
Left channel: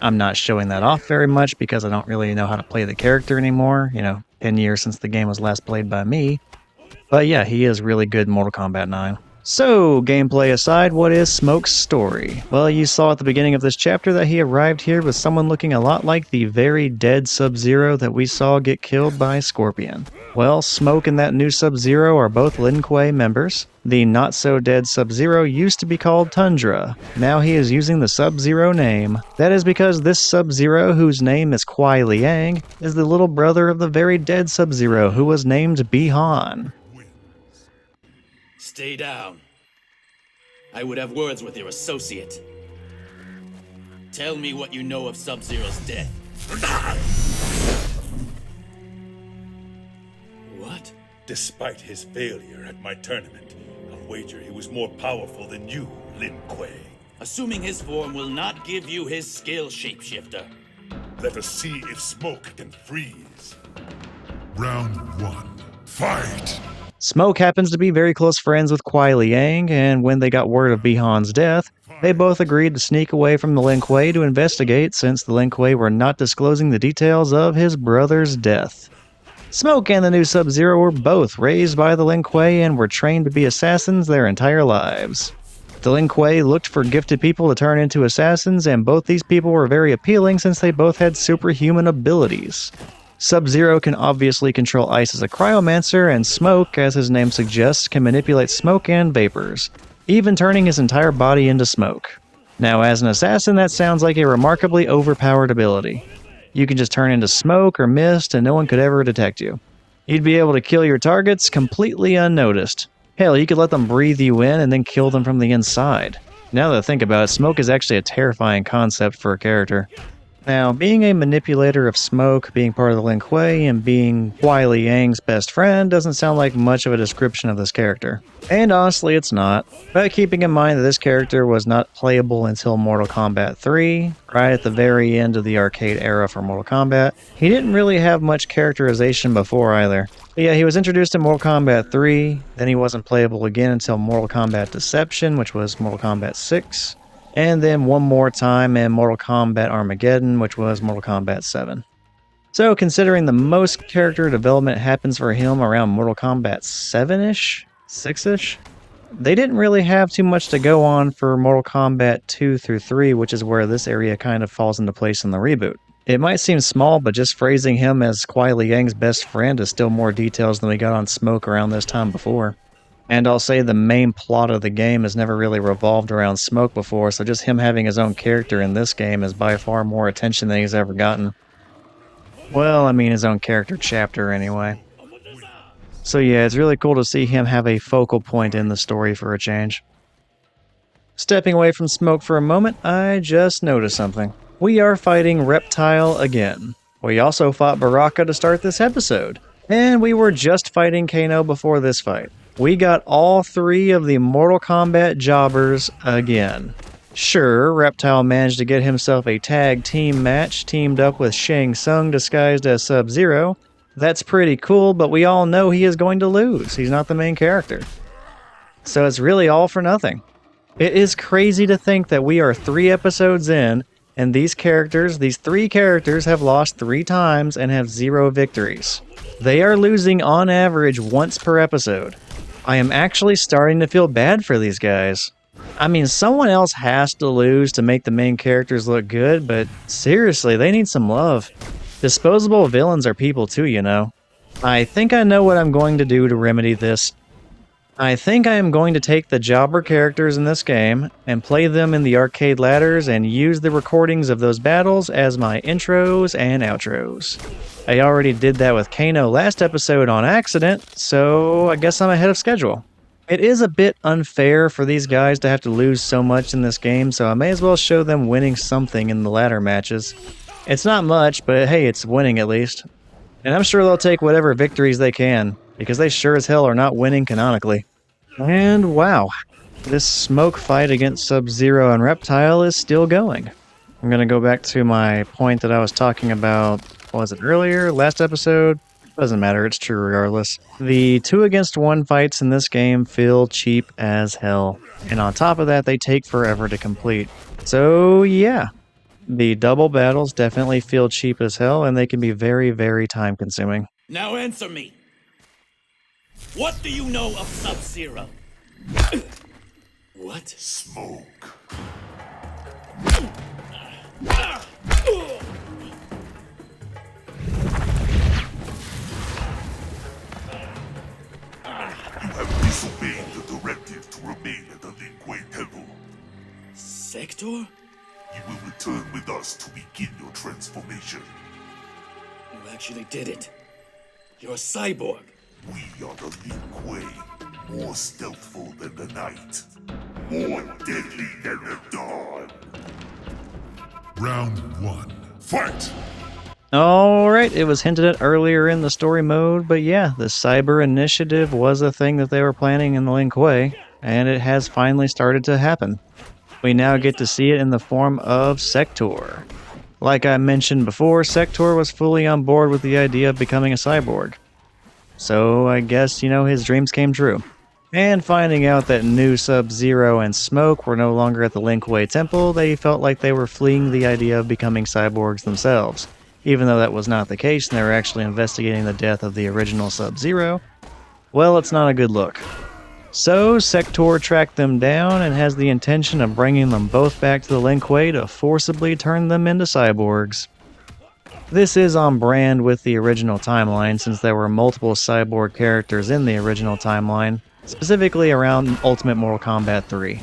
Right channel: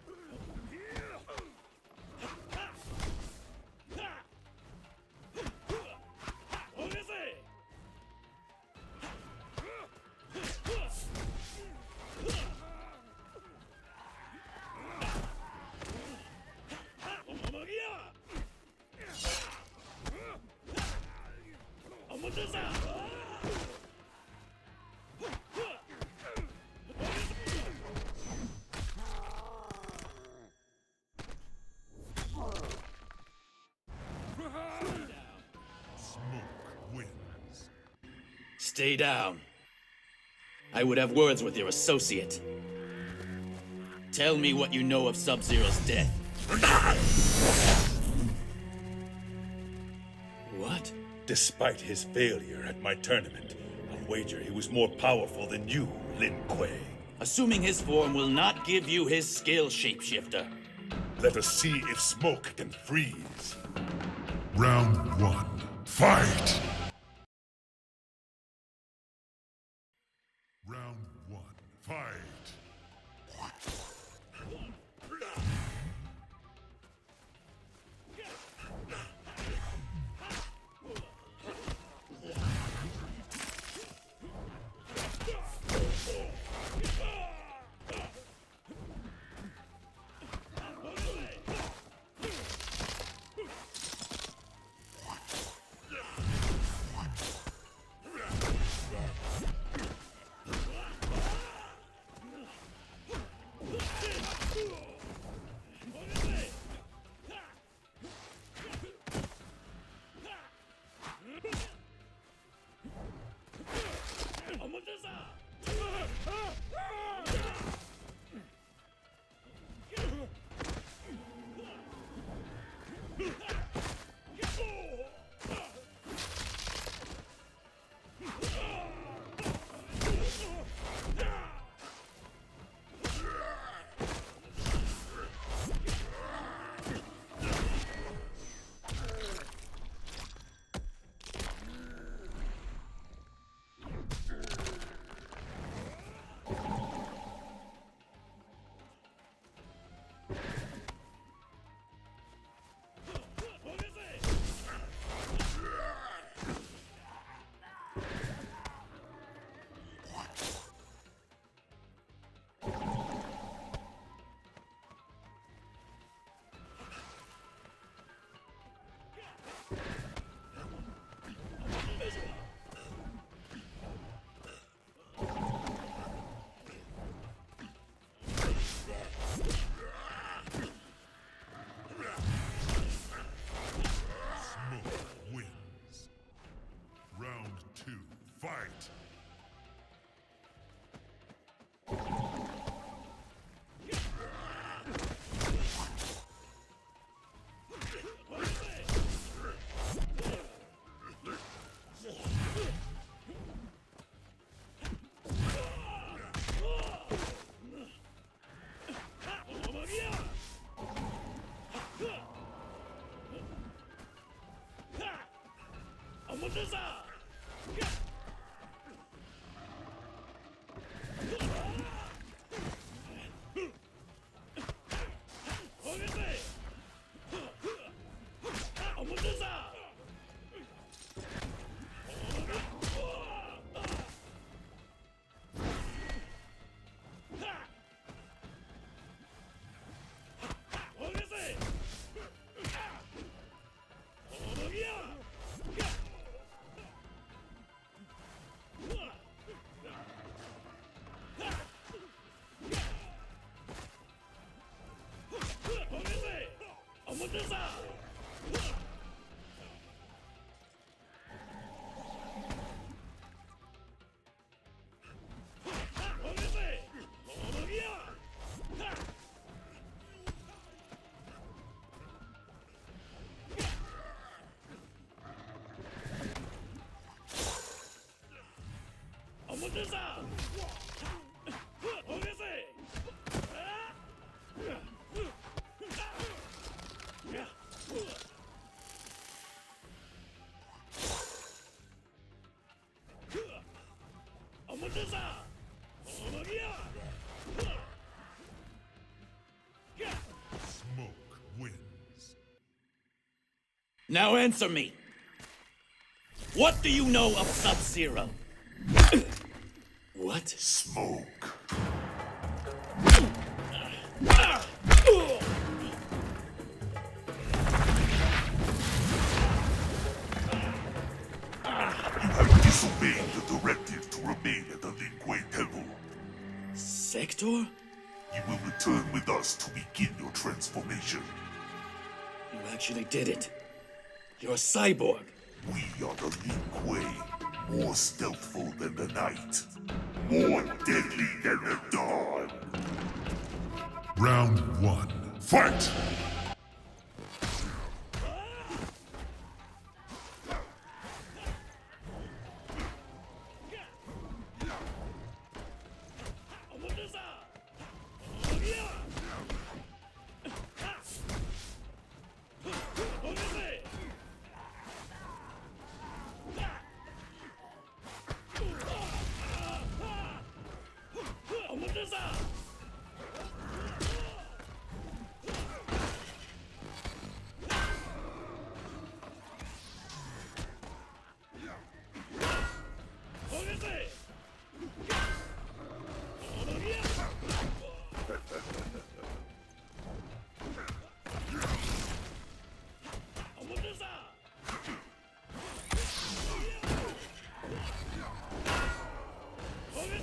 I'm not showing that off very much because I don't really know how to play the character anymore, 10 years since the game was last played by me. But yeah, he is really good in Mortal Kombat 9. So, gameplay aside, what is Smoke's story? Well, you saw at the beginning of this chapter that he arrived here with someone looking a lot like the very dead Sub-Zero that we saw get killed by Scorpion. Well, Smoke and that new Sub-Zero are both Lin Kuei members. The not-so-dead Sub-Zero used to be called Tundra. Now he is using the Sub-Zero name. That is because this Sub-Zero, whose name is Kuai Liang, is the little brother of the very dead Sub-Zero, who was named Bi-Han. Stay down. I would have words with your associate. Tell me what you know of Sub-Zero's death. What? Despite his failure at my tournament, I'll wager he was more powerful than you, Lin Kuei. Assuming his form will not give you his skill, shapeshifter. Let us see if Smoke can freeze. Round 1. Fight! Smoke happens to be very close friends with Kuai Liang, and when they got word of Bi-Han's death, they both agreed to sneak away from the Lin Kuei to investigate since the Lin Kuei were not disclosing the details of his brother's death. Smoke and the new Sub-Zero were both raised by the Lin Kuei and were trained to be assassins their entire lives. The Lin Kuei looked for gifted people to turn into assassins, and both these people were very appealing since they both had superhuman abilities. Sub-Zero can obviously control ice as a cryomancer, and Smoke, as his name suggests, can manipulate smoke and vapors, even turning his entire body into smoke. Now, as an assassin, that sounds like a remarkably overpowered ability. You can just turn into smoke or mist and no one could ever detect you. You'd be able to kill your targets completely unnoticed. Hell, you could let them breathe you in and then kill them from the inside. Now that I think about it, smoke is actually a terrifying concept for a character. Now, being a manipulator of smoke, being part of the Lin Kuei, and being Kuai Liang's best friend doesn't sound like much of a description of this character. And honestly, it's not. But keeping in mind that this character was not playable until Mortal Kombat 3, right at the very end of the arcade era for Mortal Kombat, he didn't really have much characterization before either. But yeah, he was introduced in Mortal Kombat 3, then he wasn't playable again until Mortal Kombat Deception, which was Mortal Kombat 6. And then one more time in Mortal Kombat Armageddon, which was Mortal Kombat 7. So considering the most character development happens for him around Mortal Kombat 7-ish? 6-ish? They didn't really have too much to go on for Mortal Kombat 2 through 3, which is where this area kind of falls into place in the reboot. It might seem small, but just phrasing him as Kuai Liang's best friend is still more details than we got on Smoke around this time before. And I'll say the main plot of the game has never really revolved around Smoke before, so just him having his own character in this game is by far more attention than he's ever gotten. Well, I mean his own character chapter anyway. So yeah, it's really cool to see him have a focal point in the story for a change. Stepping away from Smoke for a moment, I just noticed something. We are fighting Reptile again. We also fought Baraka to start this episode. And we were just fighting Kano before this fight. We got all 3 of the Mortal Kombat jobbers again. Sure, Reptile managed to get himself a tag team match teamed up with Shang Tsung disguised as Sub-Zero. That's pretty cool, but we all know he is going to lose. He's not the main character. So it's really all for nothing. It is crazy to think that we are 3 episodes in, and these 3 characters have lost 3 times and have 0 victories. They are losing on average once per episode. I am actually starting to feel bad for these guys. I mean, someone else has to lose to make the main characters look good, but seriously, they need some love. Disposable villains are people too, you know. I think I know what I'm going to do to remedy this. I think I am going to take the jobber characters in this game and play them in the arcade ladders and use the recordings of those battles as my intros and outros. I already did that with Kano last episode on accident, so I guess I'm ahead of schedule. It is a bit unfair for these guys to have to lose so much in this game, so I may as well show them winning something in the ladder matches. It's not much, but hey, it's winning at least. And I'm sure they'll take whatever victories they can, because they sure as hell are not winning canonically. And wow, this Smoke fight against Sub-Zero and Reptile is still going. I'm going to go back to my point that I was talking about, what was it, earlier, last episode? Doesn't matter, it's true regardless. The 2 against 1 fights in this game feel cheap as hell. And on top of that, they take forever to complete. So yeah, the double battles definitely feel cheap as hell, and they can be very, very time consuming. Now answer me! What do you know of Sub-Zero? What? Smoke. You have disobeyed the directive to remain at the Lin Kuei Temple. Sector? You will return with us to begin your transformation. You actually did it. You're a cyborg. We are the Lin Kuei, more stealthful than the night, more deadly than the dawn. Round 1. Fight! Alright, it was hinted at earlier in the story mode, but yeah, the Cyber Initiative was a thing that they were planning in the Lin Kuei, and it has finally started to happen. We now get to see it in the form of Sector. Like I mentioned before, Sector was fully on board with the idea of becoming a cyborg. So I guess, you know, his dreams came true. And finding out that new Sub-Zero and Smoke were no longer at the Lin Kuei Temple, they felt like they were fleeing the idea of becoming cyborgs themselves. Even though that was not the case and they were actually investigating the death of the original Sub-Zero, well, it's not a good look. So Sector tracked them down and has the intention of bringing them both back to the Lin Kuei to forcibly turn them into cyborgs. This is on brand with the original timeline since there were multiple cyborg characters in the original timeline, specifically around Ultimate Mortal Kombat 3.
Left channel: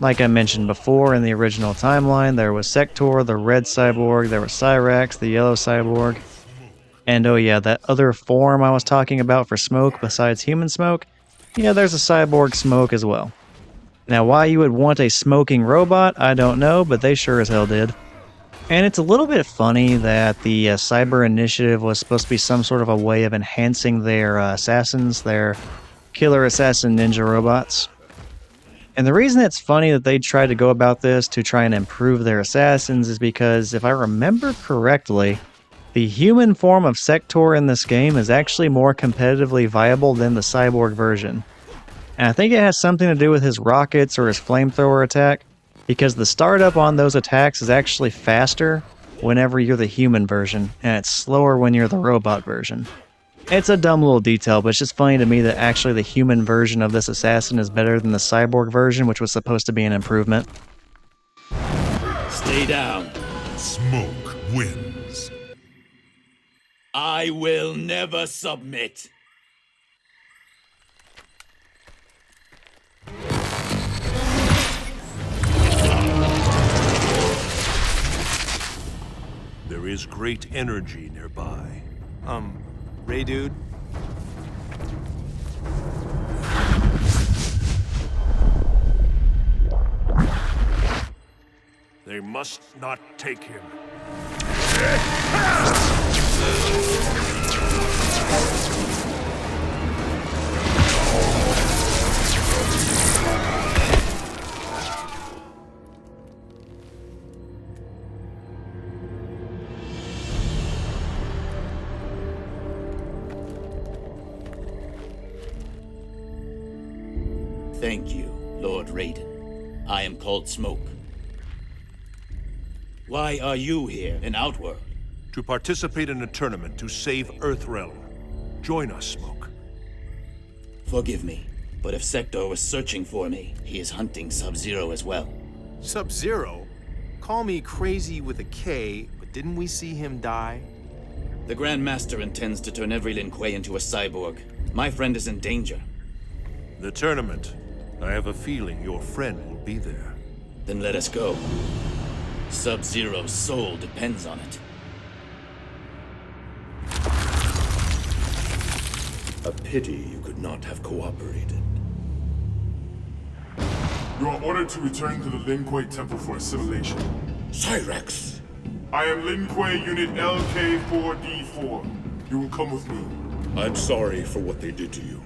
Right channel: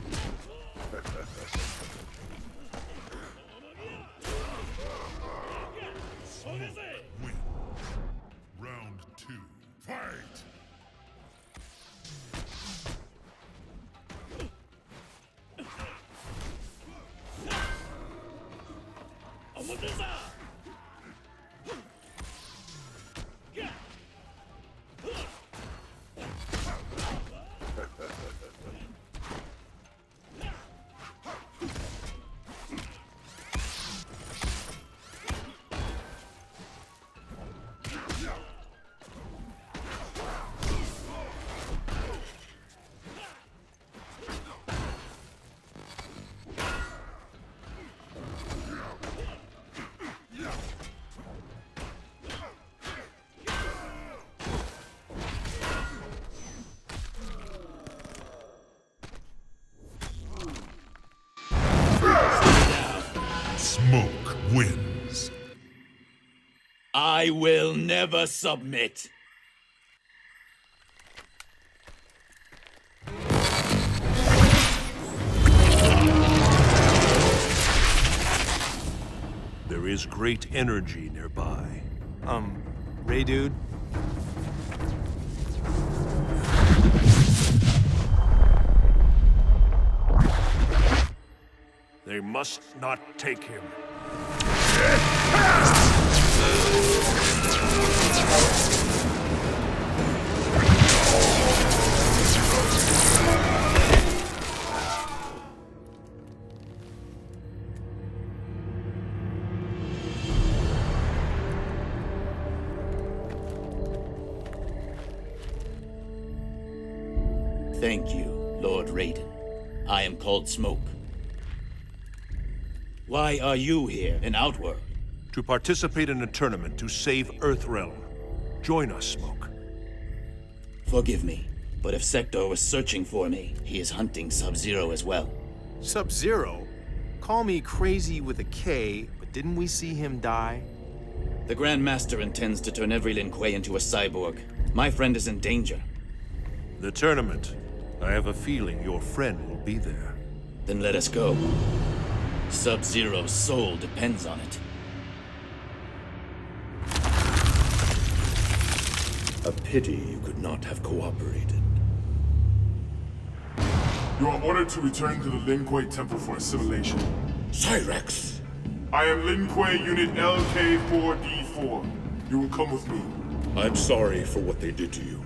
Like I mentioned before, in the original timeline, there was Sector, the red cyborg, there was Cyrax, the yellow cyborg, and oh yeah, that other form I was talking about for Smoke besides human Smoke, yeah, there's a cyborg Smoke as well. Now why you would want a smoking robot, I don't know, but they sure as hell did. And it's a little bit funny that the Cyber Initiative was supposed to be some sort of a way of enhancing their assassins, their killer assassin ninja robots. And the reason it's funny that they tried to go about this to try and improve their assassins is because, if I remember correctly, the human form of Sector in this game is actually more competitively viable than the cyborg version. And I think it has something to do with his rockets or his flamethrower attack, because the startup on those attacks is actually faster whenever you're the human version, and it's slower when you're the robot version. It's a dumb little detail, but it's just funny to me that actually the human version of this assassin is better than the cyborg version, which was supposed to be an improvement. Stay down. Smoke wins. I will never submit. There is great energy nearby. Ray dude? They must not take him. Thank you, Lord Raiden. I am called Smoke. Why are you here in Outworld? To participate in a tournament to save Earthrealm. Join us, Smoke. Forgive me, but if Sector was searching for me, he is hunting Subzero as well. Subzero? Call me crazy with a K, but didn't we see him die? The Grand Master intends to turn every Lin Kuei into a cyborg. My friend is in danger. The tournament. I have a feeling your friend will be there. Then let us go. Sub-Zero's soul depends on it. A pity you could not have cooperated. You are ordered to return to the Lin Kuei Temple for assimilation. Cyrax! I am Lin Kuei Unit LK4D4. You will come with me. I'm sorry for what they did to you,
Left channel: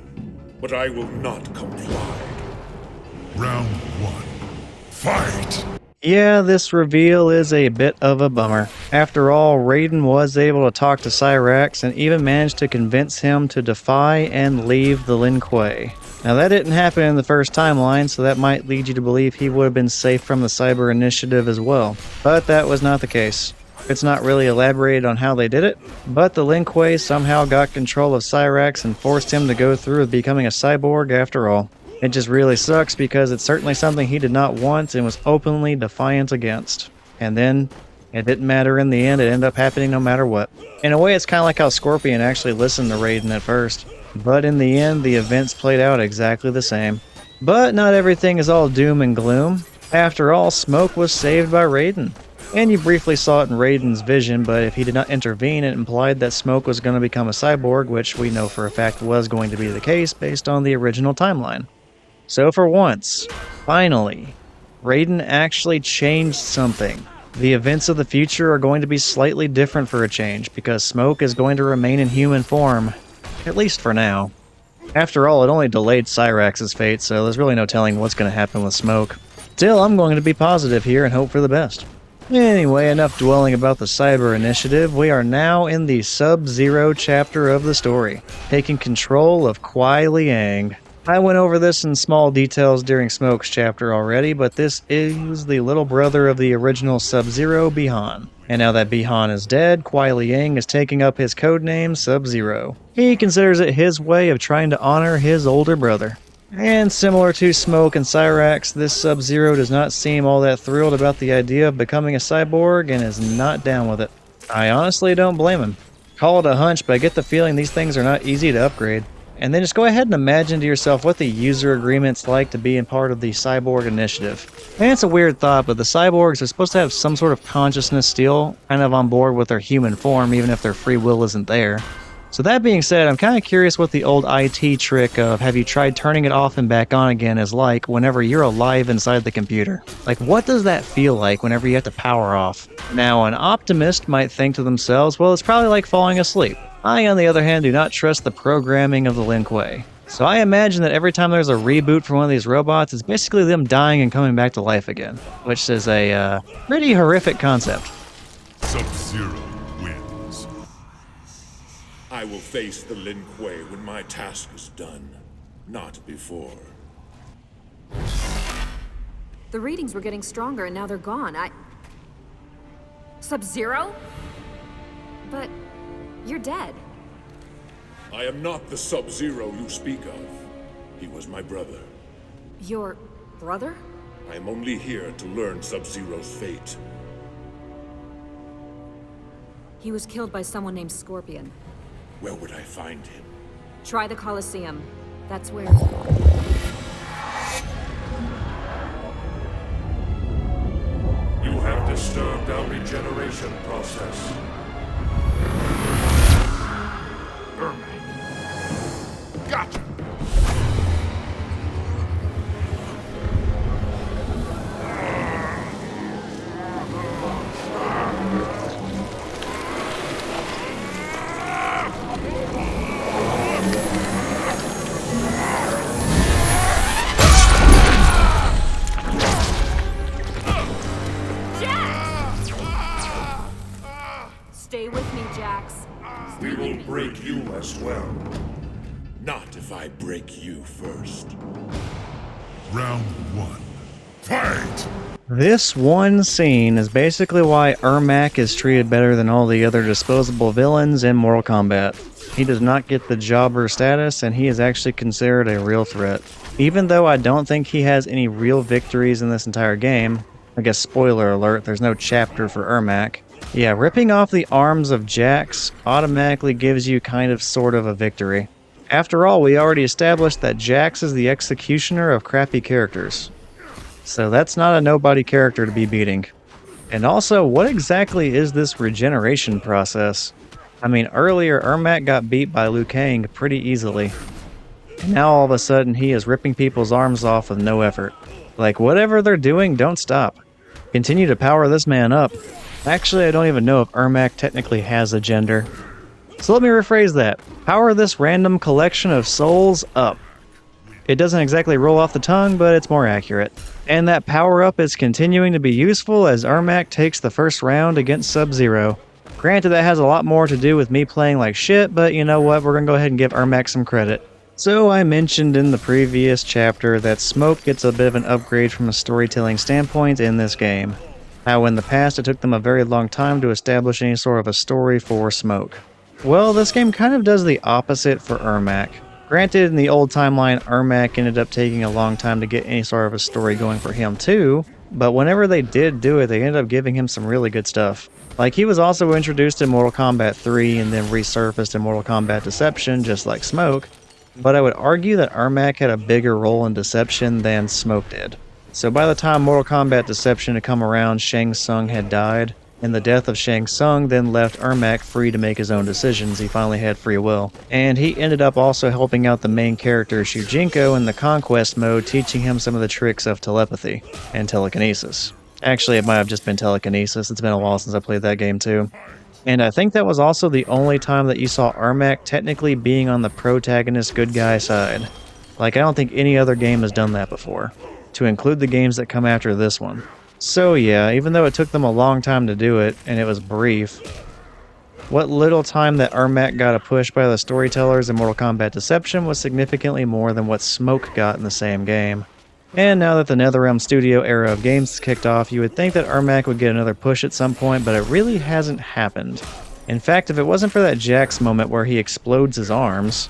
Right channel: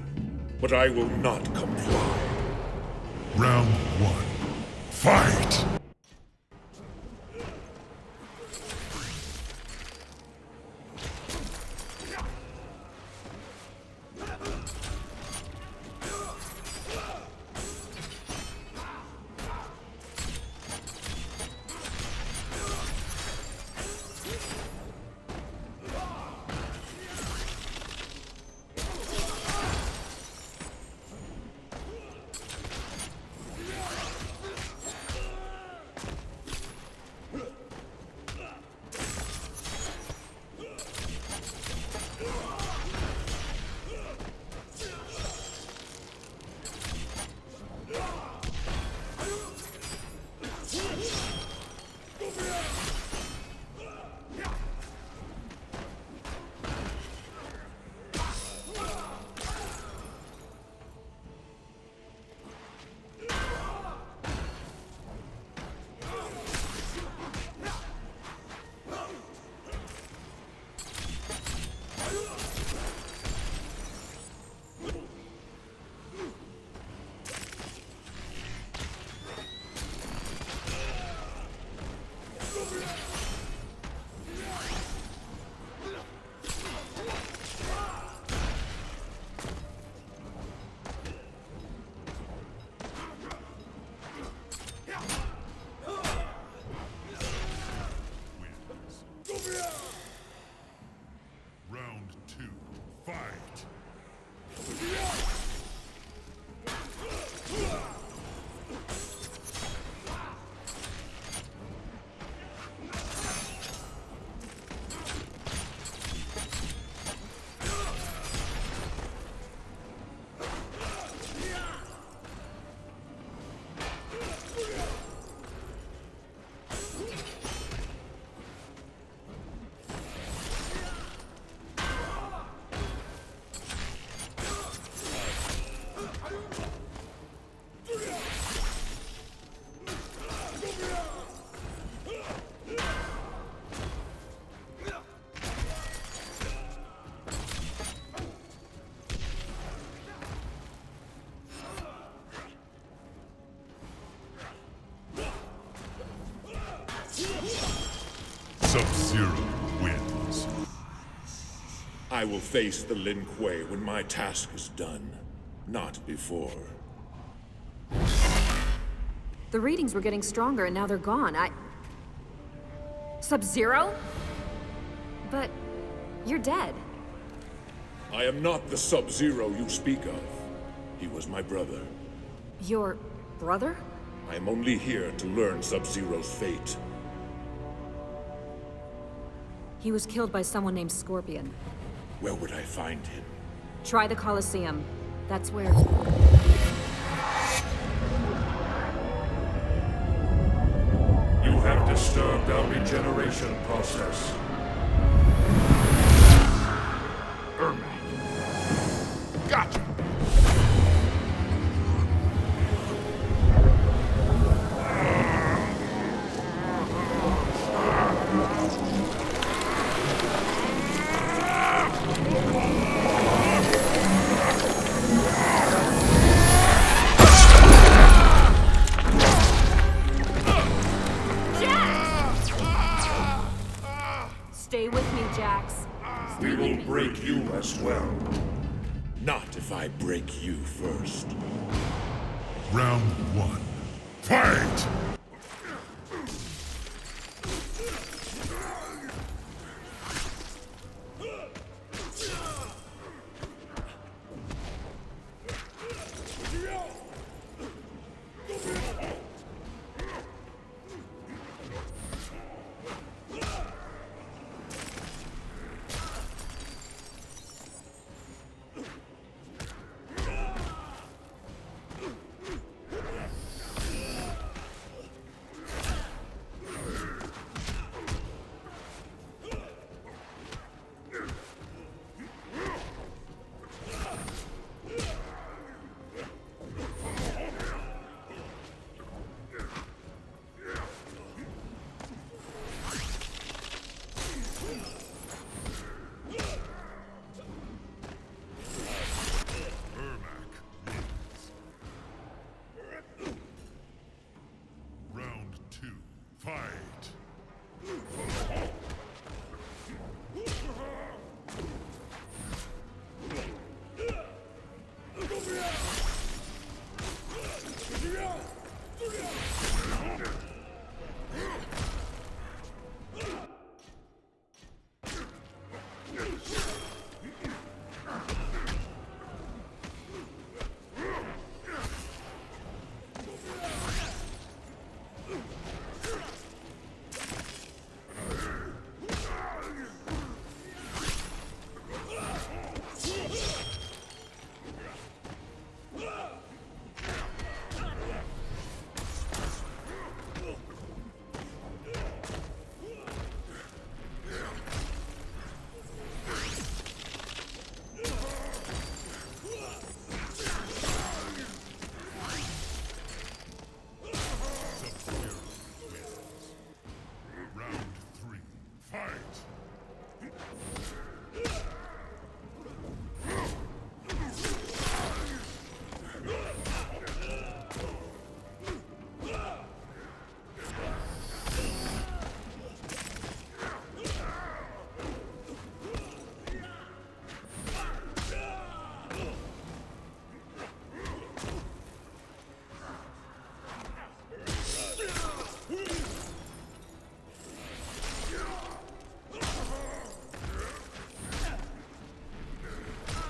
but I will not comply. Round 1. Fight! Yeah, this reveal is a bit of a bummer. After all, Raiden was able to talk to Cyrax and even managed to convince him to defy and leave the Lin Kuei. Now that didn't happen in the first timeline, so that might lead you to believe he would have been safe from the Cyber Initiative as well. But that was not the case. It's not really elaborated on how they did it, but the Lin Kuei somehow got control of Cyrax and forced him to go through with becoming a cyborg after all. It just really sucks because it's certainly something he did not want and was openly defiant against. And then, it didn't matter in the end, it ended up happening no matter what. In a way, it's kind of like how Scorpion actually listened to Raiden at first. But in the end, the events played out exactly the same. But not everything is all doom and gloom. After all, Smoke was saved by Raiden. And you briefly saw it in Raiden's vision, but if he did not intervene, it implied that Smoke was going to become a cyborg, which we know for a fact was going to be the case based on the original timeline. So for once, finally, Raiden actually changed something. The events of the future are going to be slightly different for a change, because Smoke is going to remain in human form, at least for now. After all, it only delayed Cyrax's fate, so there's really no telling what's going to happen with Smoke. Still, I'm going to be positive here and hope for the best. Anyway, enough dwelling about the Cyber Initiative. We are now in the Sub-Zero chapter of the story, taking control of Kuai Liang. I went over this in small details during Smoke's chapter already, but this is the little brother of the original Sub-Zero, Bi-Han. And now that Bi-Han is dead, Kuai Liang is taking up his codename Sub-Zero. He considers it his way of trying to honor his older brother. And similar to Smoke and Cyrax, this Sub-Zero does not seem all that thrilled about the idea of becoming a cyborg and is not down with it. I honestly don't blame him. Call it a hunch, but I get the feeling these things are not easy to upgrade. And then just go ahead and imagine to yourself what the user agreement's like to be in part of the Cyborg Initiative. And it's a weird thought, but the cyborgs are supposed to have some sort of consciousness still, kind of on board with their human form, even if their free will isn't there. So that being said, I'm kind of curious what the old IT trick of have you tried turning it off and back on again is like whenever you're alive inside the computer. Like, what does that feel like whenever you have to power off? Now, an optimist might think to themselves, well, it's probably like falling asleep. I, on the other hand, do not trust the programming of the Lin Kuei. So I imagine that every time there's a reboot for one of these robots, it's basically them dying and coming back to life again, which is a pretty horrific concept. Sub-Zero wins. I will face the Lin Kuei when my task is done, not before. The readings were getting stronger and now they're gone. Sub-Zero? But you're dead. I am not the Sub-Zero you speak of. He was my brother. Your brother? I am only here to learn Sub-Zero's fate. He was killed by someone named Scorpion. Where would I find him? Try the Colosseum. That's where... You have disturbed our regeneration process. Gotcha! Stay with me, Jax. We will break you as well. Not if I break you first. Round 1. Fight! This one scene is basically why Ermac is treated better than all the other disposable villains in Mortal Kombat. He does not get the jobber status, and he is actually considered a real threat. Even though I don't think he has any real victories in this entire game, I guess spoiler alert, there's no chapter for Ermac. Yeah, ripping off the arms of Jax automatically gives you kind of sort of a victory. After all, we already established that Jax is the executioner of crappy characters. So that's not a nobody character to be beating. And also, what exactly is this regeneration process? I mean, earlier Ermac got beat by Liu Kang pretty easily. Now all of a sudden he is ripping people's arms off with no effort. Like, whatever they're doing, don't stop. Continue to power this man up. Actually, I don't even know if Ermac technically has a gender. So let me rephrase that. Power this random collection of souls up. It doesn't exactly roll off the tongue, but it's more accurate. And that power-up is continuing to be useful as Ermac takes the first round against Sub-Zero. Granted, that has a lot more to do with me playing like shit, but you know what, we're gonna go ahead and give Ermac some credit. So I mentioned in the previous chapter that Smoke gets a bit of an upgrade from a storytelling standpoint in this game. How in the past it took them a very long time to establish any sort of a story for Smoke. Well, this game kind of does the opposite for Ermac. Granted, in the old timeline, Ermac ended up taking a long time to get any sort of a story going for him too, but whenever they did do it, they ended up giving him some really good stuff. Like, he was also introduced in Mortal Kombat 3 and then resurfaced in Mortal Kombat Deception, just like Smoke, but I would argue that Ermac had a bigger role in Deception than Smoke did. So by the time Mortal Kombat Deception had come around, Shang Tsung had died, and the death of Shang Tsung then left Ermac free to make his own decisions. He finally had free will. And he ended up also helping out the main character Shujinko in the Conquest mode, teaching him some of the tricks of telepathy and telekinesis. Actually, it might have just been telekinesis. It's been a while since I played that game too. And I think that was also the only time that you saw Ermac technically being on the protagonist good guy side. Like, I don't think any other game has done that before, to include the games that come after this one. So yeah, even though it took them a long time to do it, and it was brief, what little time that Ermac got a push by the storytellers in Mortal Kombat Deception was significantly more than what Smoke got in the same game. And now that the NetherRealm Studio era of games has kicked off, you would think that Ermac would get another push at some point, but it really hasn't happened. In fact, if it wasn't for that Jax moment where he explodes his arms,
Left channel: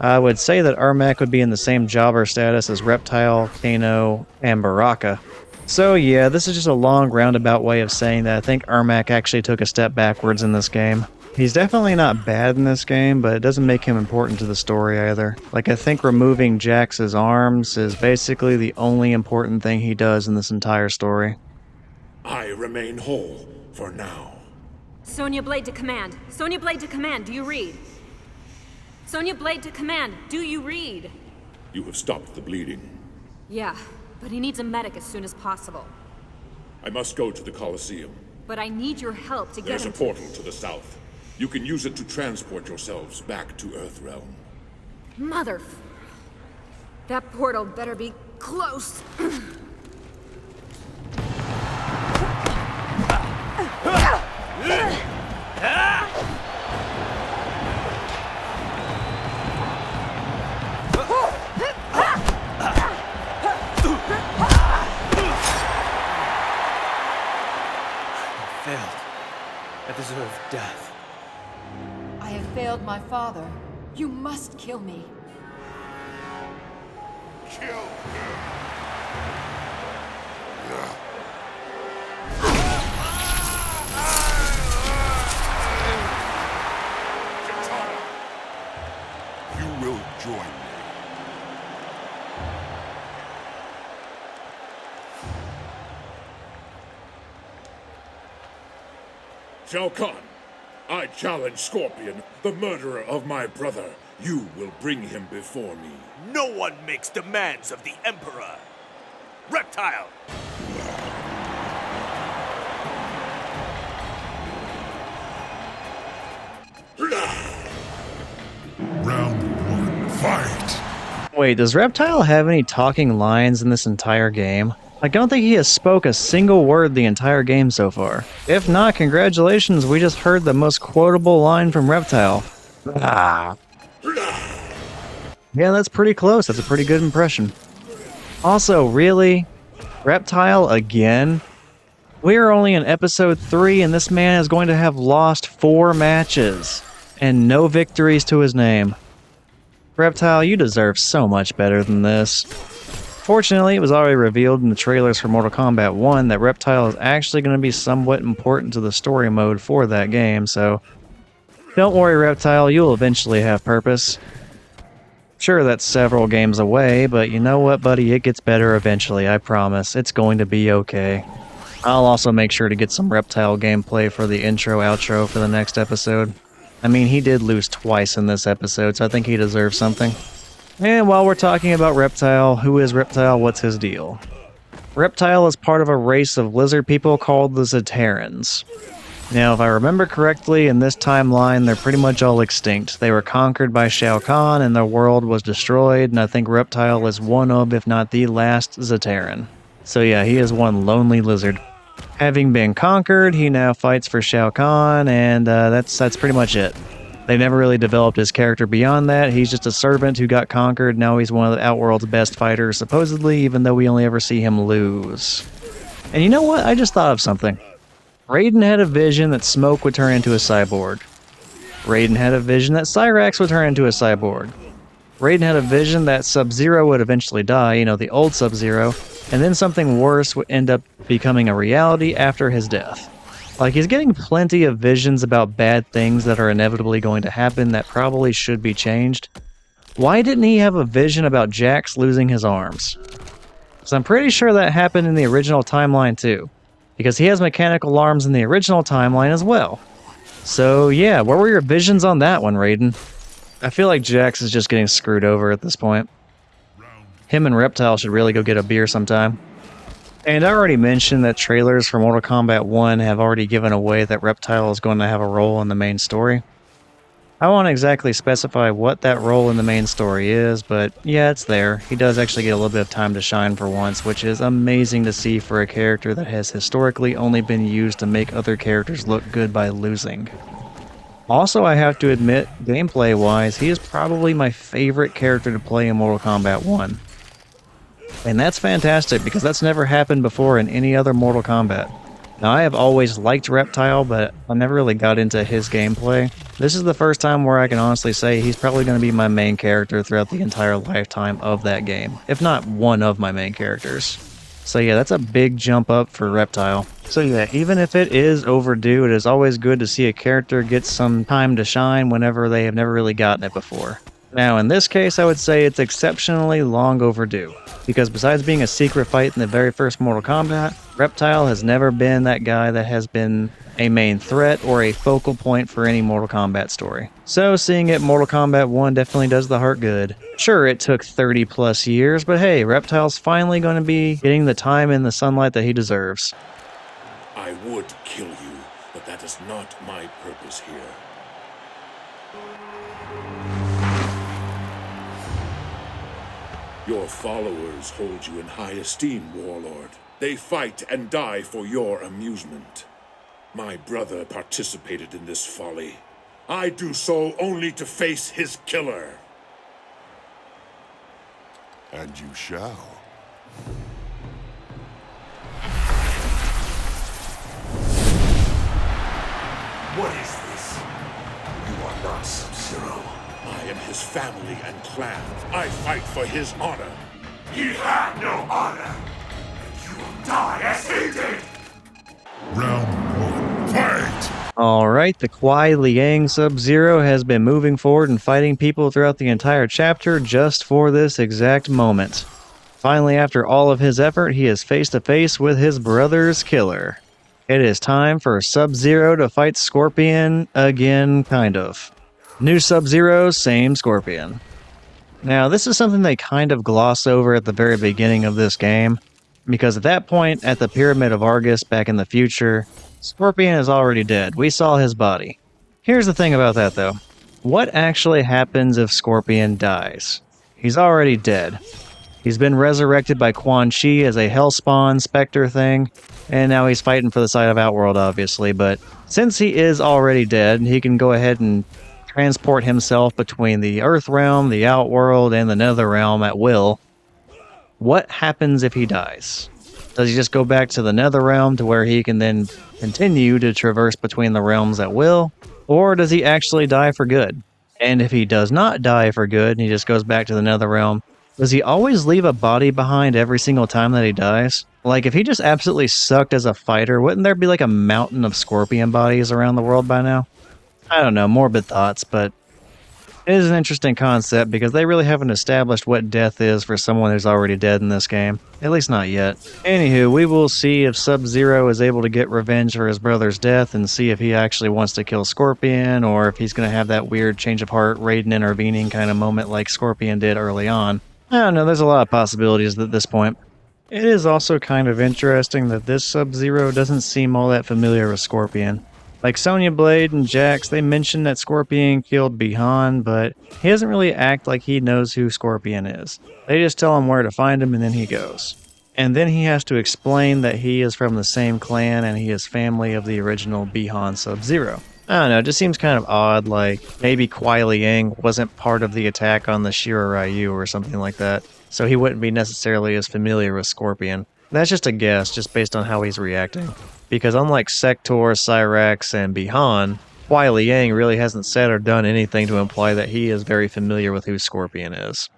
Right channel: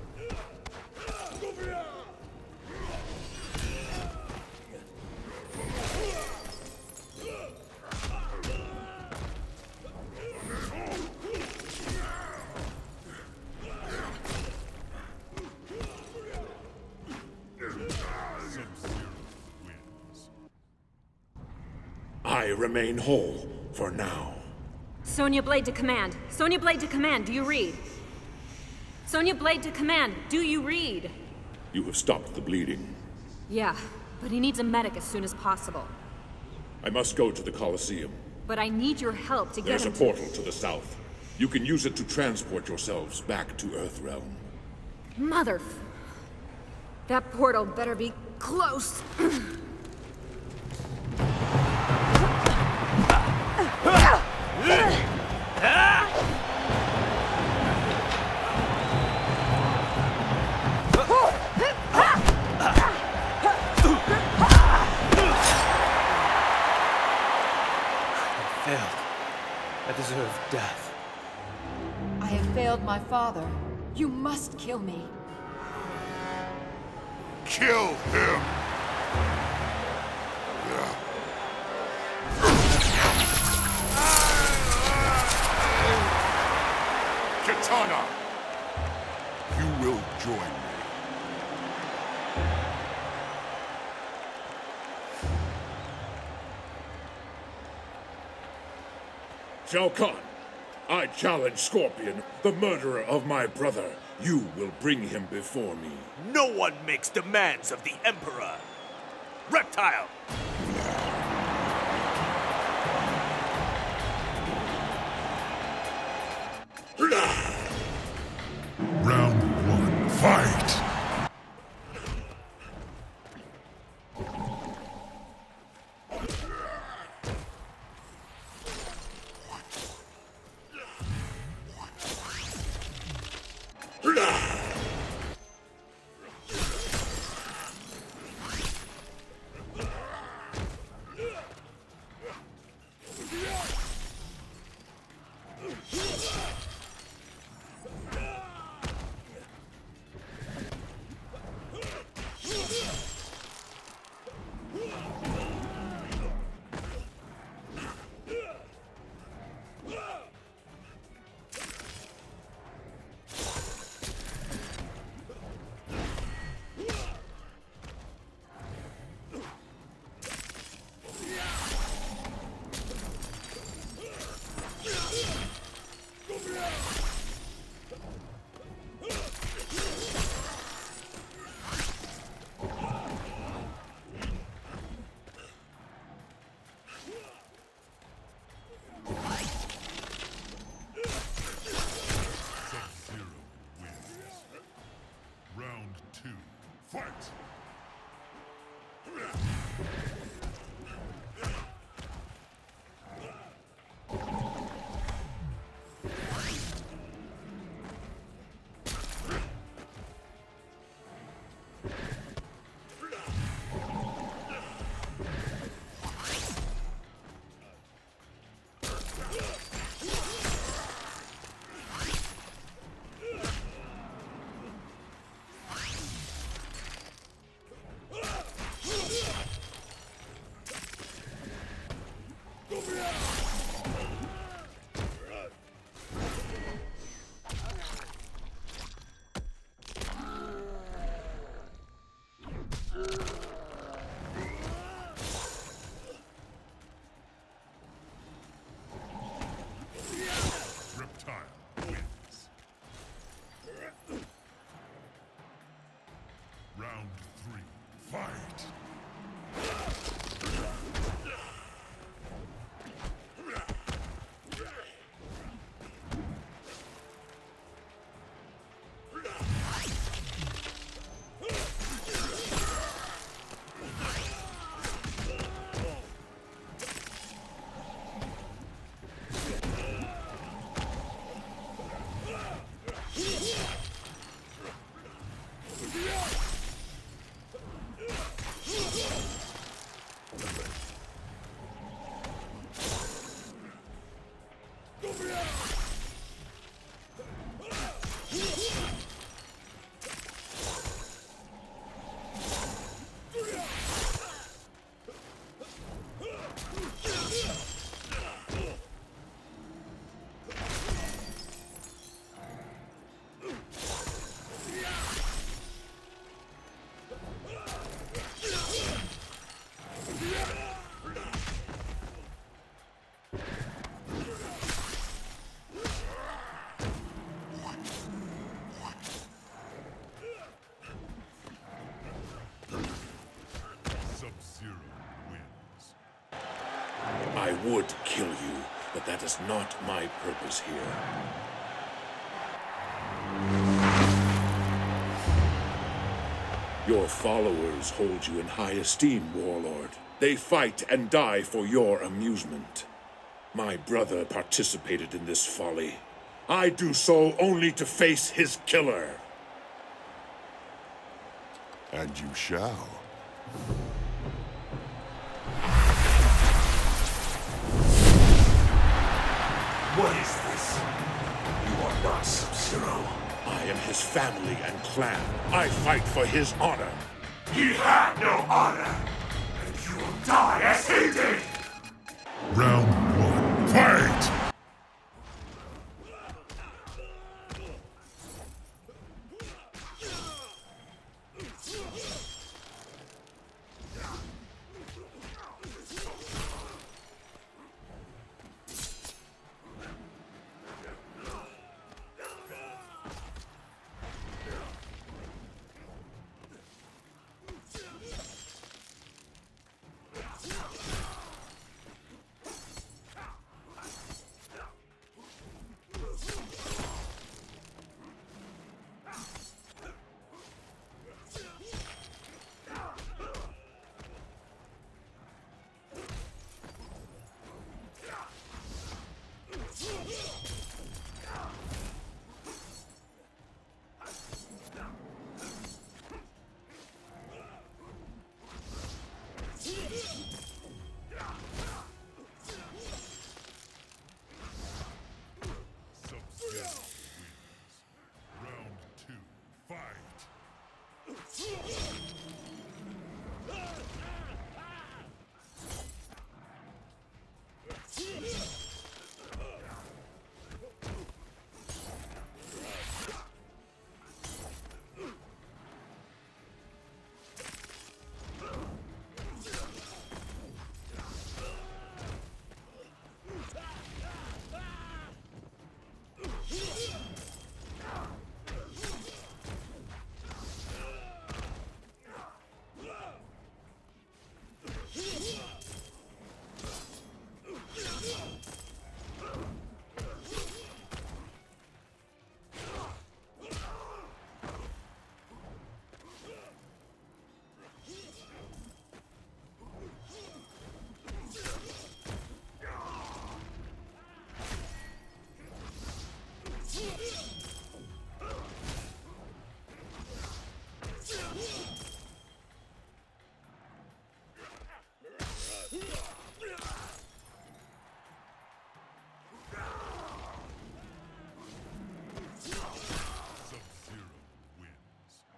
I would say that Ermac would be in the same jobber status as Reptile, Kano, and Baraka. So yeah, this is just a long roundabout way of saying that I think Ermac actually took a step backwards in this game. He's definitely not bad in this game, but it doesn't make him important to the story either. Like, I think removing Jax's arms is basically the only important thing he does in this entire story. I remain whole for now. Sonya Blade to command. Sonya Blade to command, do you read? Sonya Blade to command, do you read? You have stopped the bleeding. Yeah, but he needs a medic as soon as possible. I must go to the Colosseum. But I need your help to get There's him a portal to the south. You can use it to transport yourselves back to Earthrealm. Mother... That portal better be close. Failed. I deserve death. I have failed my father. You must kill me. Kill him! Katana! You will join me. Shao Khan, I challenge Scorpion, the murderer of my brother. You will bring him before me. No one makes demands of the Emperor. Reptile! Round 1, fight! Wait, does Reptile have any talking lines in this entire game? I don't think he has spoke a single word the entire game so far. If not, congratulations, we just heard the most quotable line from Reptile. Ah. Yeah, that's pretty close. That's a pretty good impression. Also, really? Reptile again? We are only in episode 3 and this man is going to have lost 4 matches and no victories to his name. Reptile, you deserve so much better than this. Fortunately, it was already revealed in the trailers for Mortal Kombat 1 that Reptile is actually going to be somewhat important to the story mode for that game, so don't worry, Reptile, you'll eventually have purpose. Sure, that's several games away, but you know what, buddy? It gets better eventually, I promise. It's going to be okay. I'll also make sure to get some Reptile gameplay for the intro-outro for the next episode. I mean, he did lose twice in this episode, so I think he deserves something. And while we're talking about Reptile, who is Reptile? What's his deal? Reptile is part of a race of lizard people called the Zaterrans. Now, if I remember correctly, in this timeline, they're pretty much all extinct. They were conquered by Shao Khan, and their world was destroyed, and I think Reptile is one of, if not the last, Zaterran. So yeah, he is one lonely lizard. Having been conquered, he now fights for Shao Khan, and that's pretty much it. They never really developed his character beyond that. He's just a servant who got conquered. Now he's one of the Outworld's best fighters, supposedly, even though we only ever see him lose. And you know what? I just thought of something. Raiden had a vision that Smoke would turn into a cyborg. Raiden had a vision that Cyrax would turn into a cyborg. Raiden had a vision that Sub-Zero would eventually die, you know, the old Sub-Zero, and then something worse would end up becoming a reality after his death. Like, he's getting plenty of visions about bad things that are inevitably going to happen that probably should be changed. Why didn't he have a vision about Jax losing his arms? Because I'm pretty sure that happened in the original timeline too. Because he has mechanical arms in the original timeline as well. So yeah, where were your visions on that one, Raiden? I feel like Jax is just getting screwed over at this point. Him and Reptile should really go get a beer sometime. And I already mentioned that trailers for Mortal Kombat 1 have already given away that Reptile is going to have a role in the main story. I won't exactly specify what that role in the main story is, but yeah, it's there. He does actually get a little bit of time to shine for once, which is amazing to see for a character that has historically only been used to make other characters look good by losing. Also, I have to admit, gameplay-wise, he is probably my favorite character to play in Mortal Kombat 1. And that's fantastic, because that's never happened before in any other Mortal Kombat. Now, I have always liked Reptile, but I never really got into his gameplay. This is the first time where I can honestly say he's probably going to be my main character throughout the entire lifetime of that game, if not one of my main characters. So yeah, that's a big jump up for Reptile. So yeah, even if it is overdue, it is always good to see a character get some time to shine whenever they have never really gotten it before. Now, in this case, I would say it's exceptionally long overdue, because besides being a secret fight in the very first Mortal Kombat, Reptile has never been that guy that has been a main threat or a focal point for any Mortal Kombat story. So seeing it Mortal Kombat 1 definitely does the heart good. Sure, it took 30 plus years, but hey, Reptile's finally going to be getting the time in the sunlight that he deserves. I would kill you, but that is not my purpose here. Your followers hold you in high esteem, Warlord. They fight and die for your amusement. My brother participated in this folly. I do so only to face his killer. And you shall. What is this? You are not Sub-Zero. I am his family and clan. I fight for his honor. He had no honor, and you will die as he did! Round 1, fight! Alright, the Kuai Liang Sub-Zero has been moving forward and fighting people throughout the entire chapter just for this exact moment. Finally, after all of his effort, he is face to face with his brother's killer. It is time for Sub-Zero to fight Scorpion again, kind of. New Sub-Zero, same Scorpion. Now, this is something they kind of gloss over at the very beginning of this game, because at that point, at the Pyramid of Argus back in the future, Scorpion is already dead. We saw his body. Here's the thing about that, though. What actually happens if Scorpion dies? He's already dead. He's been resurrected by Quan Chi as a Hellspawn Spectre thing, and now he's fighting for the side of Outworld, obviously, but since he is already dead, he can go ahead and transport himself between the Earth Realm, the Outworld, and the Nether Realm at will. What happens if he dies? Does he just go back to the Nether Realm to where he can then continue to traverse between the realms at will? Or does he actually die for good? And if he does not die for good and he just goes back to the Nether Realm, does he always leave a body behind every single time that he dies? Like, if he just absolutely sucked as a fighter, wouldn't there be like a mountain of Scorpion bodies around the world by now? I don't know, morbid thoughts, but it is an interesting concept because they really haven't established what death is for someone who's already dead in this game. At least not yet. Anywho, we will see if Sub-Zero is able to get revenge for his brother's death and see if he actually wants to kill Scorpion or if he's going to have that weird change of heart, Raiden intervening kind of moment like Scorpion did early on. I don't know, there's a lot of possibilities at this point. It is also kind of interesting that this Sub-Zero doesn't seem all that familiar with Scorpion. Like Sonya Blade and Jax, they mention that Scorpion killed Bi-Han, but he doesn't really act like he knows who Scorpion is. They just tell him where to find him and then he goes. And then he has to explain that he is from the same clan and he is family of the original Bi-Han Sub-Zero. I don't know, it just seems kind of odd, like maybe Kuai Liang wasn't part of the attack on the Shira Ryu or something like that, so he wouldn't be necessarily as familiar with Scorpion. That's just a guess, just based on how he's reacting. Because unlike Sector, Cyrax, and Bi-Han, Kuai Liang really hasn't said or done anything to imply that he is very familiar with who Scorpion is.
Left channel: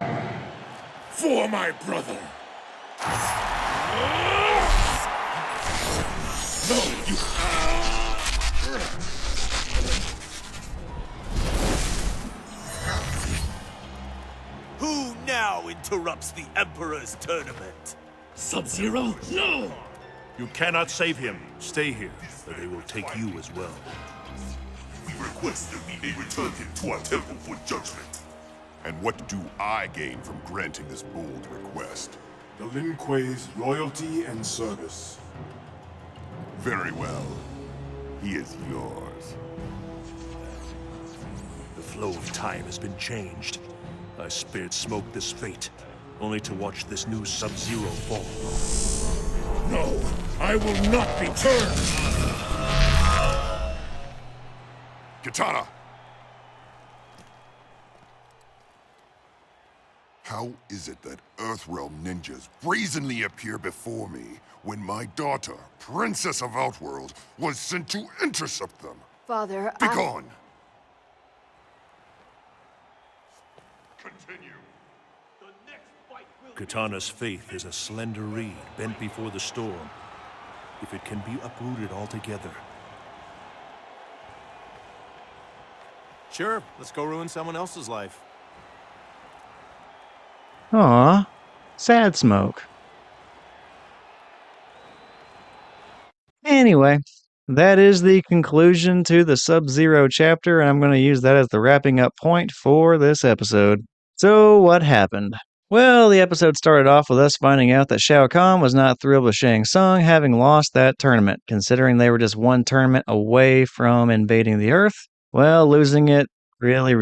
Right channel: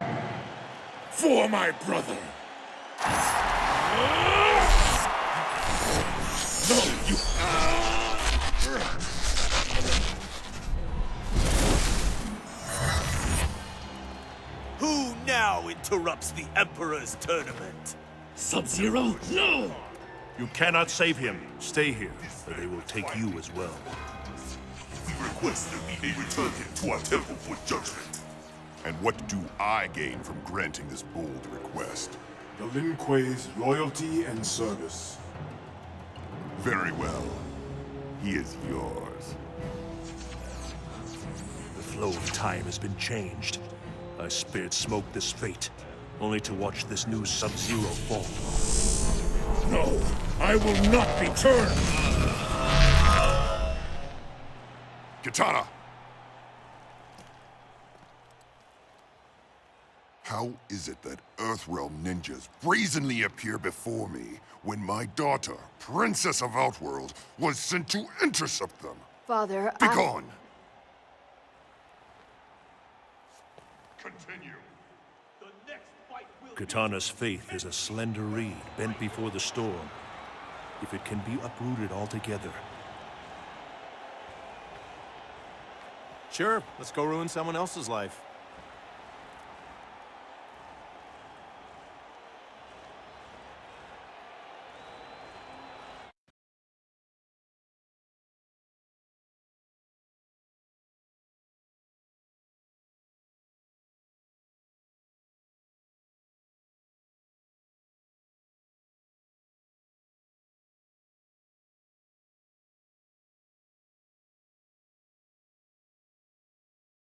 For my brother! No, you... Who now interrupts the Emperor's tournament? Sub-Zero? No! You cannot save him. Stay here, or they will take you as well. We request that we may return him to our temple for judgment. And what do I gain from granting this bold request? The Lin Kuei's loyalty and service. Very well. He is yours. The flow of time has been changed. I spared Smoke this fate, only to watch this new Sub-Zero fall. No, I will not be turned! Katana! How is it that Earthrealm ninjas brazenly appear before me when my daughter, Princess of Outworld, was sent to intercept them? Father, Begone! Continue. Katana's faith is a slender reed bent before the storm. If it can be uprooted altogether. Sure, let's go ruin someone else's life. Aw, sad Smoke. Anyway, that is the conclusion to the Sub-Zero chapter, and I'm going to use that as the wrapping up point for this episode. So, what happened? Well, the episode started off with us finding out that Shao Khan was not thrilled with Shang Tsung having lost that tournament, considering they were just one tournament away from invading the Earth. Well, losing it really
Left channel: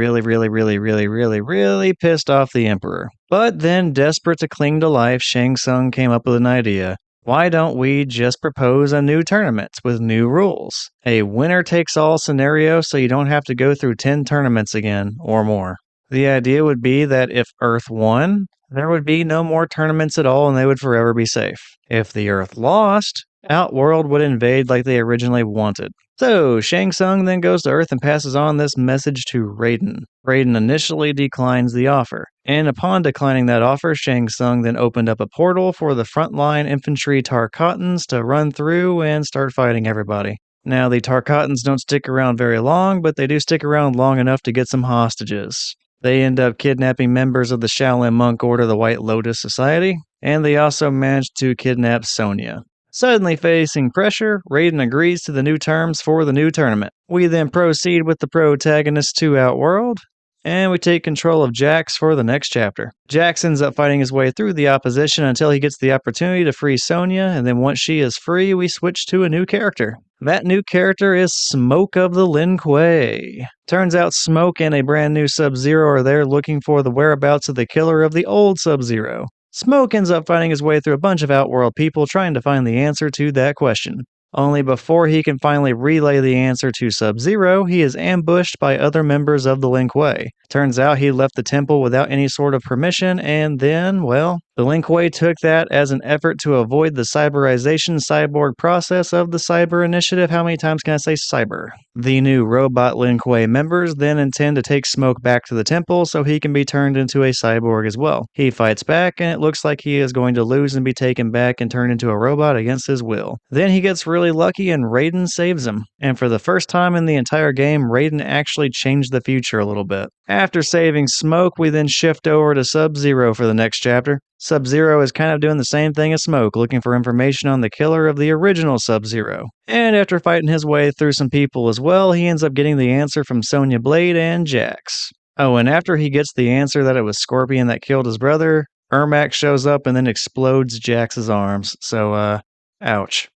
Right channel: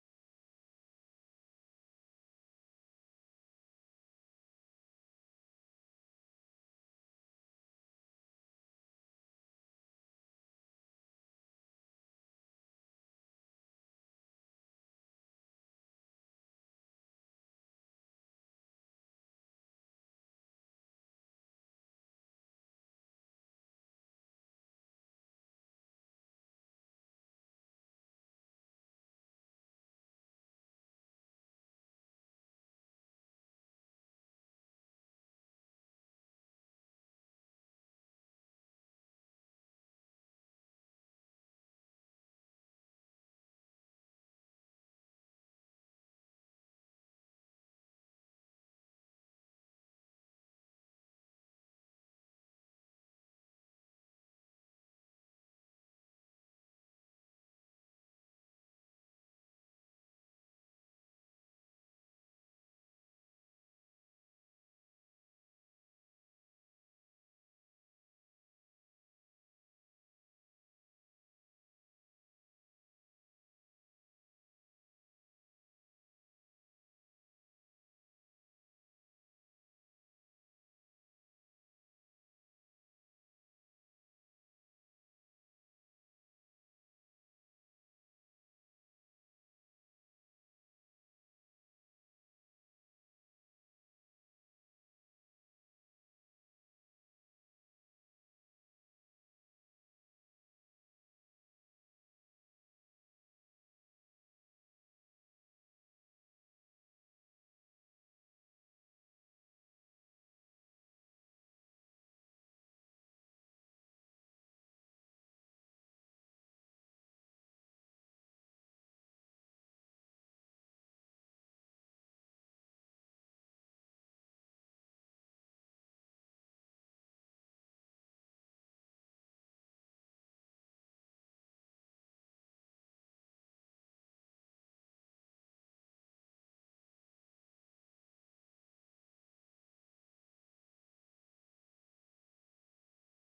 pissed off the Emperor. But then, desperate to cling to life, Shang Tsung came up with an idea. Why don't we just propose a new tournament with new rules? A winner-takes-all scenario so you don't have to go through 10 tournaments again, or more. The idea would be that if Earth won, there would be no more tournaments at all and they would forever be safe. If the Earth lost, Outworld would invade like they originally wanted. So, Shang Tsung then goes to Earth and passes on this message to Raiden. Raiden initially declines the offer, and upon declining that offer, Shang Tsung then opened up a portal for the frontline infantry Tarkatans to run through and start fighting everybody. Now, the Tarkatans don't stick around very long, but they do stick around long enough to get some hostages. They end up kidnapping members of the Shaolin Monk Order, the White Lotus Society, and they also managed to kidnap Sonya. Suddenly facing pressure, Raiden agrees to the new terms for the new tournament. We then proceed with the protagonists to Outworld, and we take control of Jax for the next chapter. Jax ends up fighting his way through the opposition until he gets the opportunity to free Sonya, and then once she is free, we switch to a new character. That new character is Smoke of the Lin Kuei. Turns out Smoke and a brand new Sub-Zero are there looking for the whereabouts of the killer of the old Sub-Zero. Smoke ends up finding his way through a bunch of Outworld people trying to find the answer to that question. Only before he can finally relay the answer to Sub-Zero, he is ambushed by other members of the Lin Kuei. Turns out he left the temple without any sort of permission, and then, well, the Lin Kuei took that as an effort to avoid the cyberization cyborg process of the Cyber Initiative. How many times can I say cyber? The new robot Lin Kuei members then intend to take Smoke back to the temple so he can be turned into a cyborg as well. He fights back, and it looks like he is going to lose and be taken back and turned into a robot against his will. Then he gets really lucky and Raiden saves him. And for the first time in the entire game, Raiden actually changed the future a little bit. After saving Smoke, we then shift over to Sub-Zero for the next chapter. Sub-Zero is kind of doing the same thing as Smoke, looking for information on the killer of the original Sub-Zero. And after fighting his way through some people as well, he ends up getting the answer from Sonya Blade and Jax. Oh, and after he gets the answer that it was Scorpion that killed his brother, Ermac shows up and then explodes Jax's arms. So, ouch.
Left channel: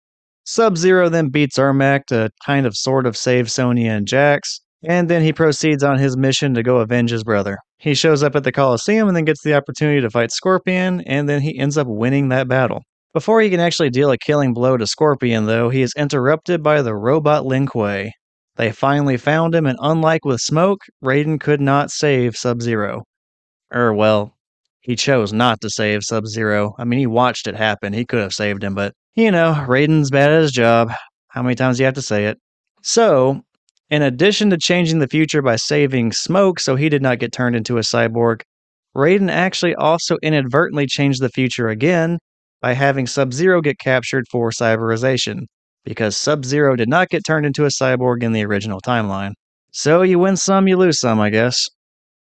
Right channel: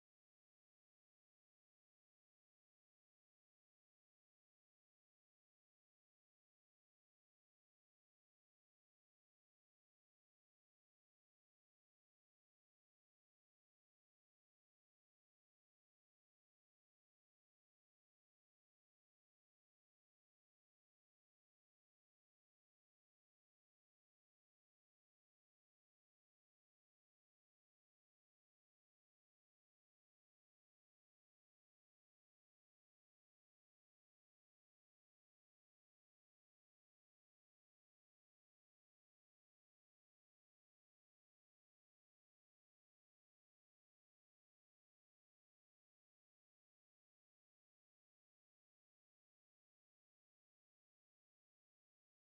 Sub-Zero then beats Ermac to kind of sort of save Sonya and Jax, and then he proceeds on his mission to go avenge his brother. He shows up at the Coliseum and then gets the opportunity to fight Scorpion, and then he ends up winning that battle. Before he can actually deal a killing blow to Scorpion, though, he is interrupted by the robot Lin Kuei. They finally found him, and unlike with Smoke, Raiden could not save Sub-Zero. Well, he chose not to save Sub-Zero. I mean, he watched it happen. He could have saved him, but, you know, Raiden's bad at his job. How many times do you have to say it? So, in addition to changing the future by saving Smoke so he did not get turned into a cyborg, Raiden actually also inadvertently changed the future again by having Sub-Zero get captured for cyberization, because Sub-Zero did not get turned into a cyborg in the original timeline. So you win some, you lose some, I guess.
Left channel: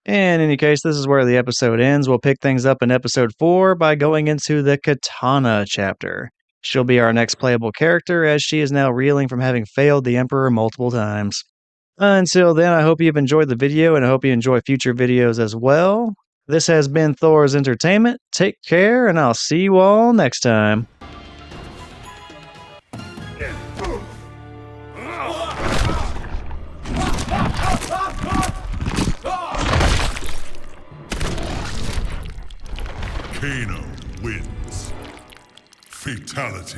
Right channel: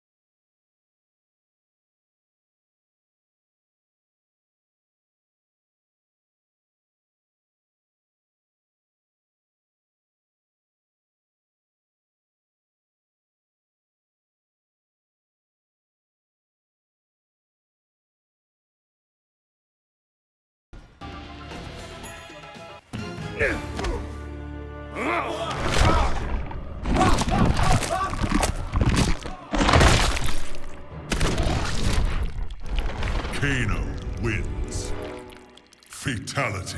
In any case, this is where the episode ends. We'll pick things up in episode 4 by going into the Katana chapter. She'll be our next playable character, as she is now reeling from having failed the Emperor multiple times. Until then, I hope you've enjoyed the video, and I hope you enjoy future videos as well. This has been Thor's Entertainment. Take care, and I'll see you all next time. Kano wins. Fatality.